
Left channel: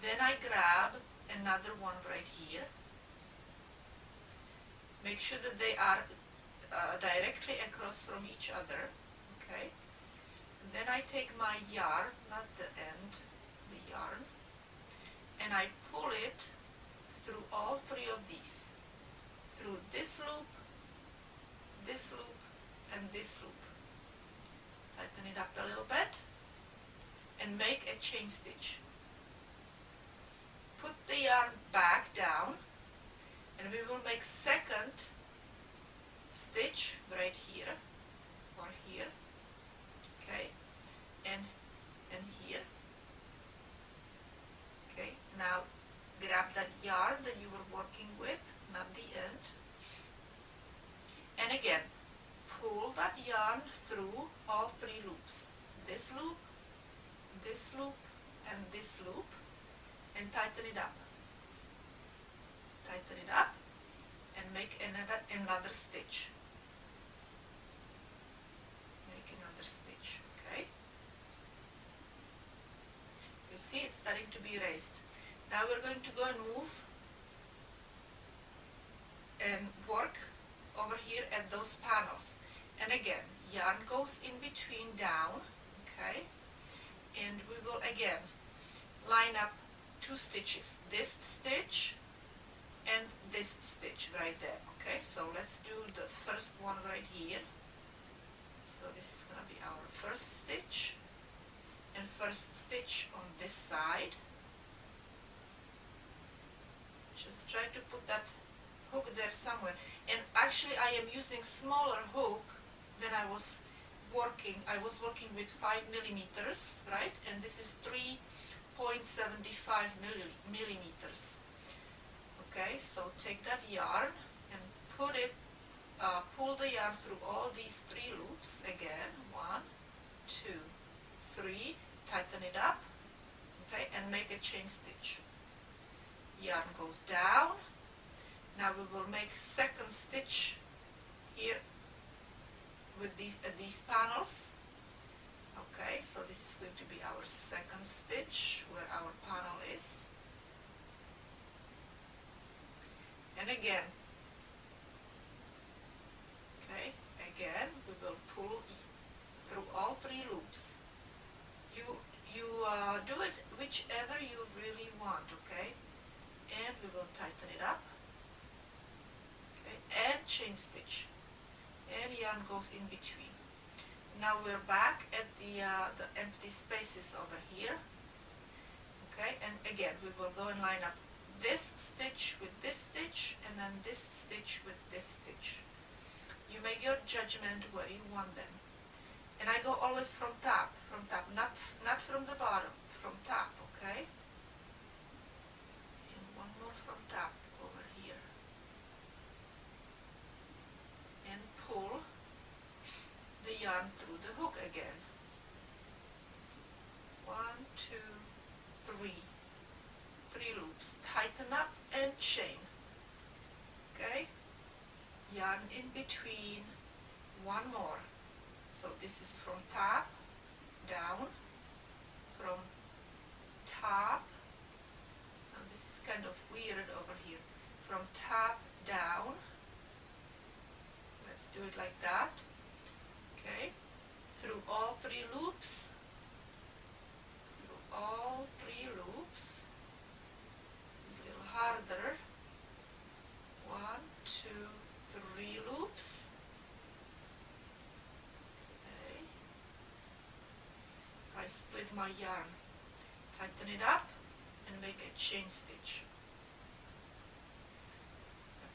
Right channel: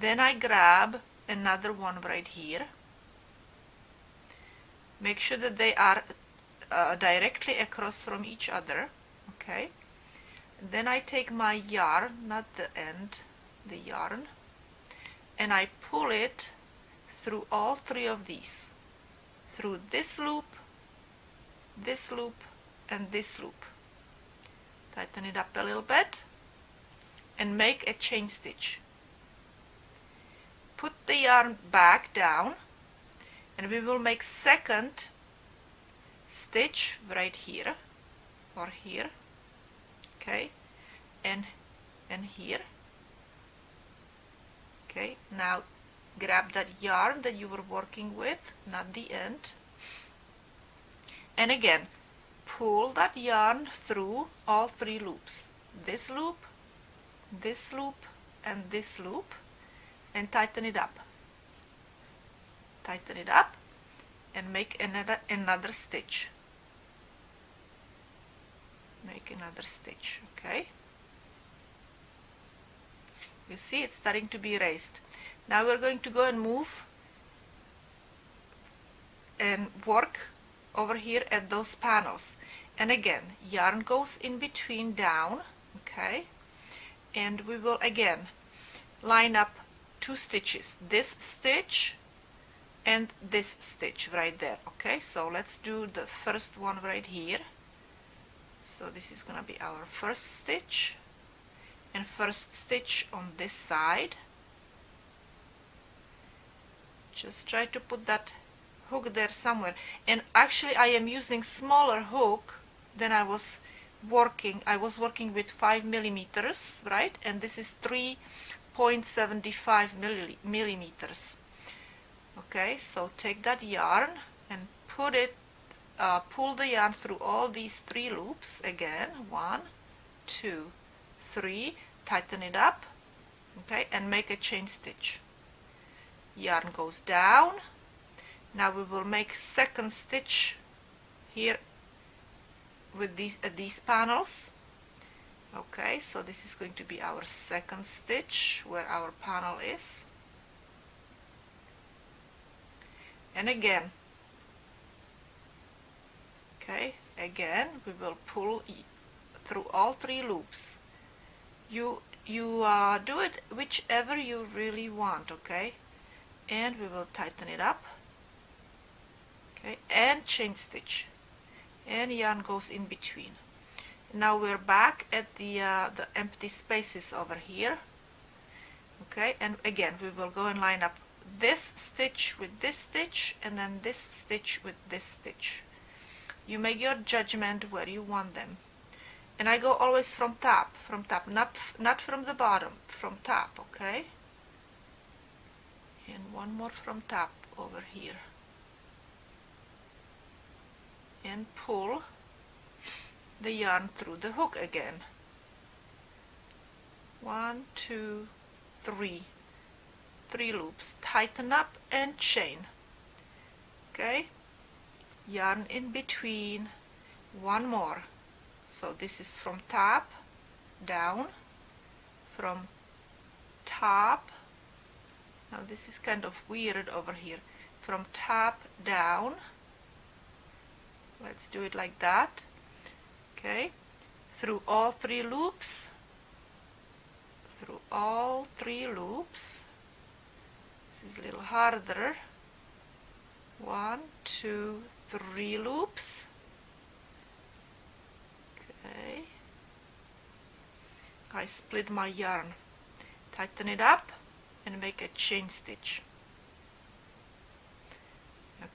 then I grab another one right here. Make sure that they are directly across from each other. Okay, then I take my yarn, not the end, the yarn, and I pull it through all 3 of these, through this loop, and this loop. Tighten it up a little bit and make a chain stitch. Put the yarn back down, and we will make second stitch right here or here. Okay, and here. Okay, now grab that yarn that you were working with, not the end, and again pull that yarn through all 3 loops, this loop, and this loop, and tighten it up. Tighten it up and make another stitch. Make another stitch. Okay, you see it's starting to be raised. Now we're going to go and move and work over here at those panels, and again yarn goes in between down. Okay, and we will again line up 2 stitches, this stitch and this stitch right there. Okay, so let's do the first one right here. So this is gonna be our first stitch, and first stitch on this side. Just try to put that hook there somewhere, and actually I am using smaller hook than I was working. I was working with 5 millimeters, right, and this is 3.75 millimeters. Okay, so take that yarn and put it, pull the yarn through all these 3 loops again. 1, 2, 3. Tighten it up, okay, and make a chain stitch. Yarn goes down. Now we will make second stitch here with these panels. Okay, so this is going to be our second stitch where our panel is. And again, okay, again we will pull through all 3 loops. You do it whichever you really want, okay, and we will tighten it up, okay, and chain stitch, and yarn goes in between. Now we're back at the empty spaces over here, okay, and again we will go and line up this stitch with this stitch, and then this stitch with this stitch. You make your judgment where you want them. And I go always from top, not from the bottom, from top, okay? And one more from top over here. And pull the yarn through the hook again. 1, 2, 3. 3 loops. Tighten up and chain. Okay? Yarn in between. One more. So this is from top down, from top. Now this is kind of weird over here. From top down. Let's do it like that. Okay, through all 3 loops. Through all 3 loops. This is a little harder. 1, 2, 3 loops. I split my yarn, tighten it up and make a chain stitch.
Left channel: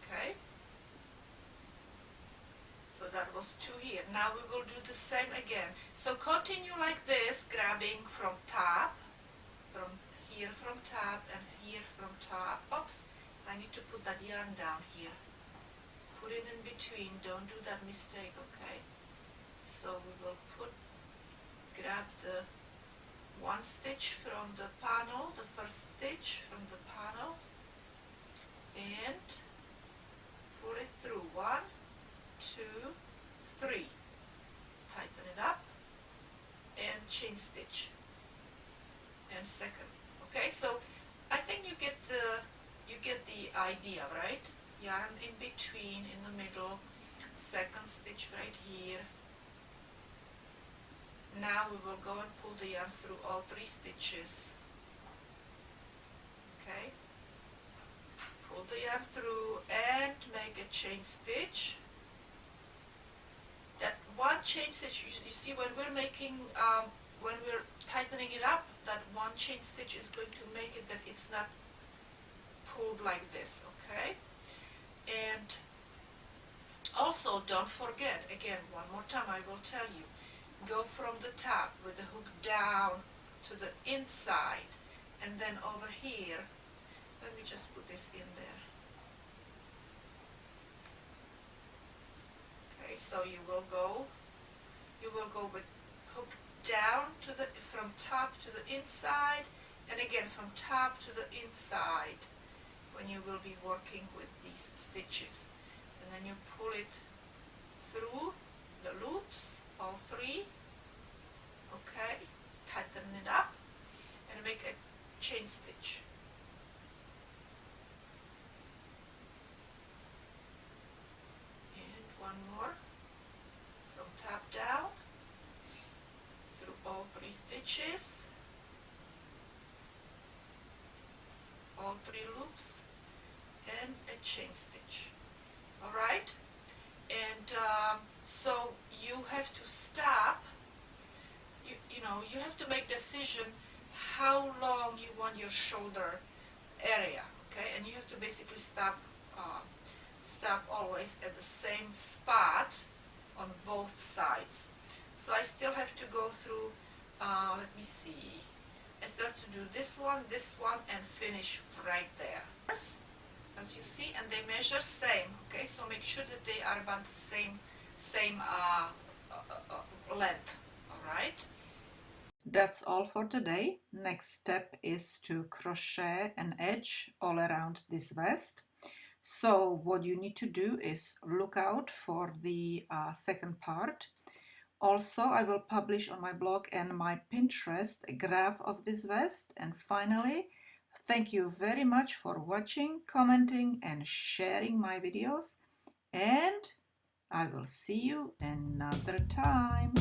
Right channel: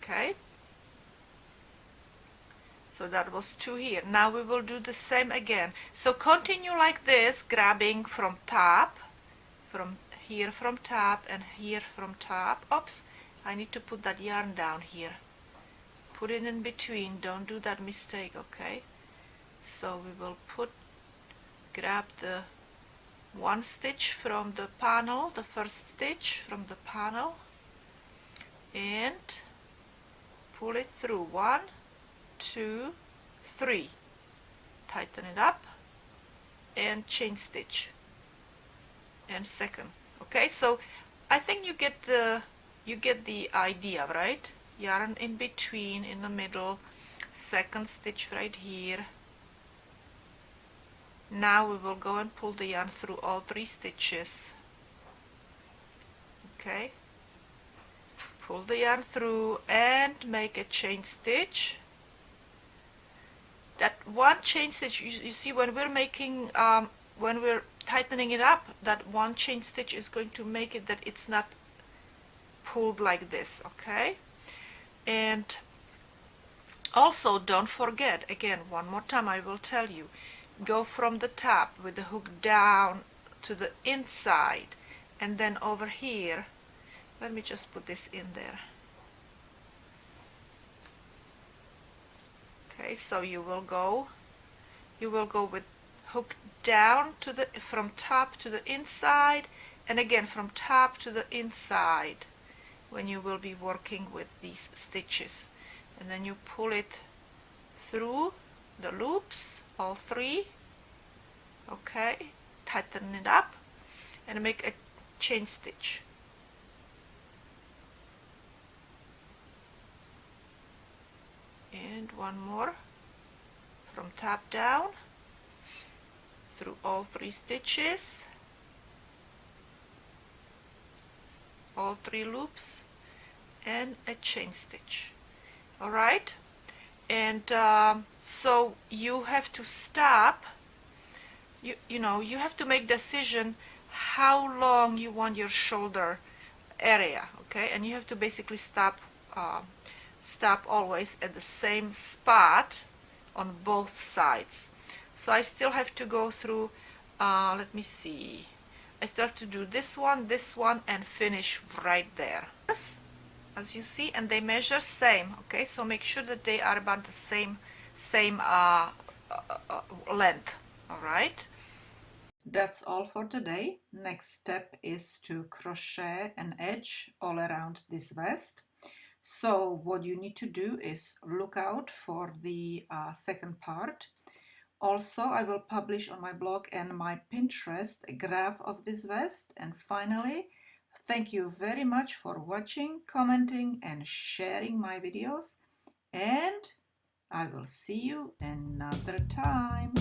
Okay, so that was 2 here. Now we will do the same again. So continue like this, grabbing from top, from here from top and here from top. Oops, I need to put that yarn down here. Put it in between, don't do that mistake, okay? So we will grab the 1 stitch from the panel, the first stitch from the panel, and pull it through. 1, 2, 3. Tighten it up and chain stitch. And second. Okay, so I think you get the idea, right? Yarn in between, in the middle, second stitch right here. Now we will go and pull the yarn through all 3 stitches. Okay, pull the yarn through and make a chain stitch. That 1 chain stitch, you see when we're making, when we're tightening it up, that 1 chain stitch is going to make it that it's not pulled like this, okay? And also don't forget, again, one more time I will tell you, go from the top with the hook down to the inside, and then over here, let me just put this in there. Okay, so you will go with hook down to the, from top to the inside, and again from top to the inside when you will be working with these stitches, and then you pull it through the loops, all 3, okay, tighten it up and make a chain stitch. And one more from top down through all 3 stitches, all 3 loops, and a chain stitch. All right, and so you have to stop. You know, you have to make decision how long you want your shoulder area, okay, and you have to basically stop always at the same spot on both sides. So I still have to go through, let me see, I still have to do this one, and finish right there, as you see, and they measure same, okay, so make sure that they are about the same length. All right, that's all for today. Next step is to crochet an edge all around this vest. So what you need to do is look out for the second part. Also, I will publish on my blog and my Pinterest a graph of this vest. And finally, thank you very much for watching, commenting and sharing my videos, and I will see you another time.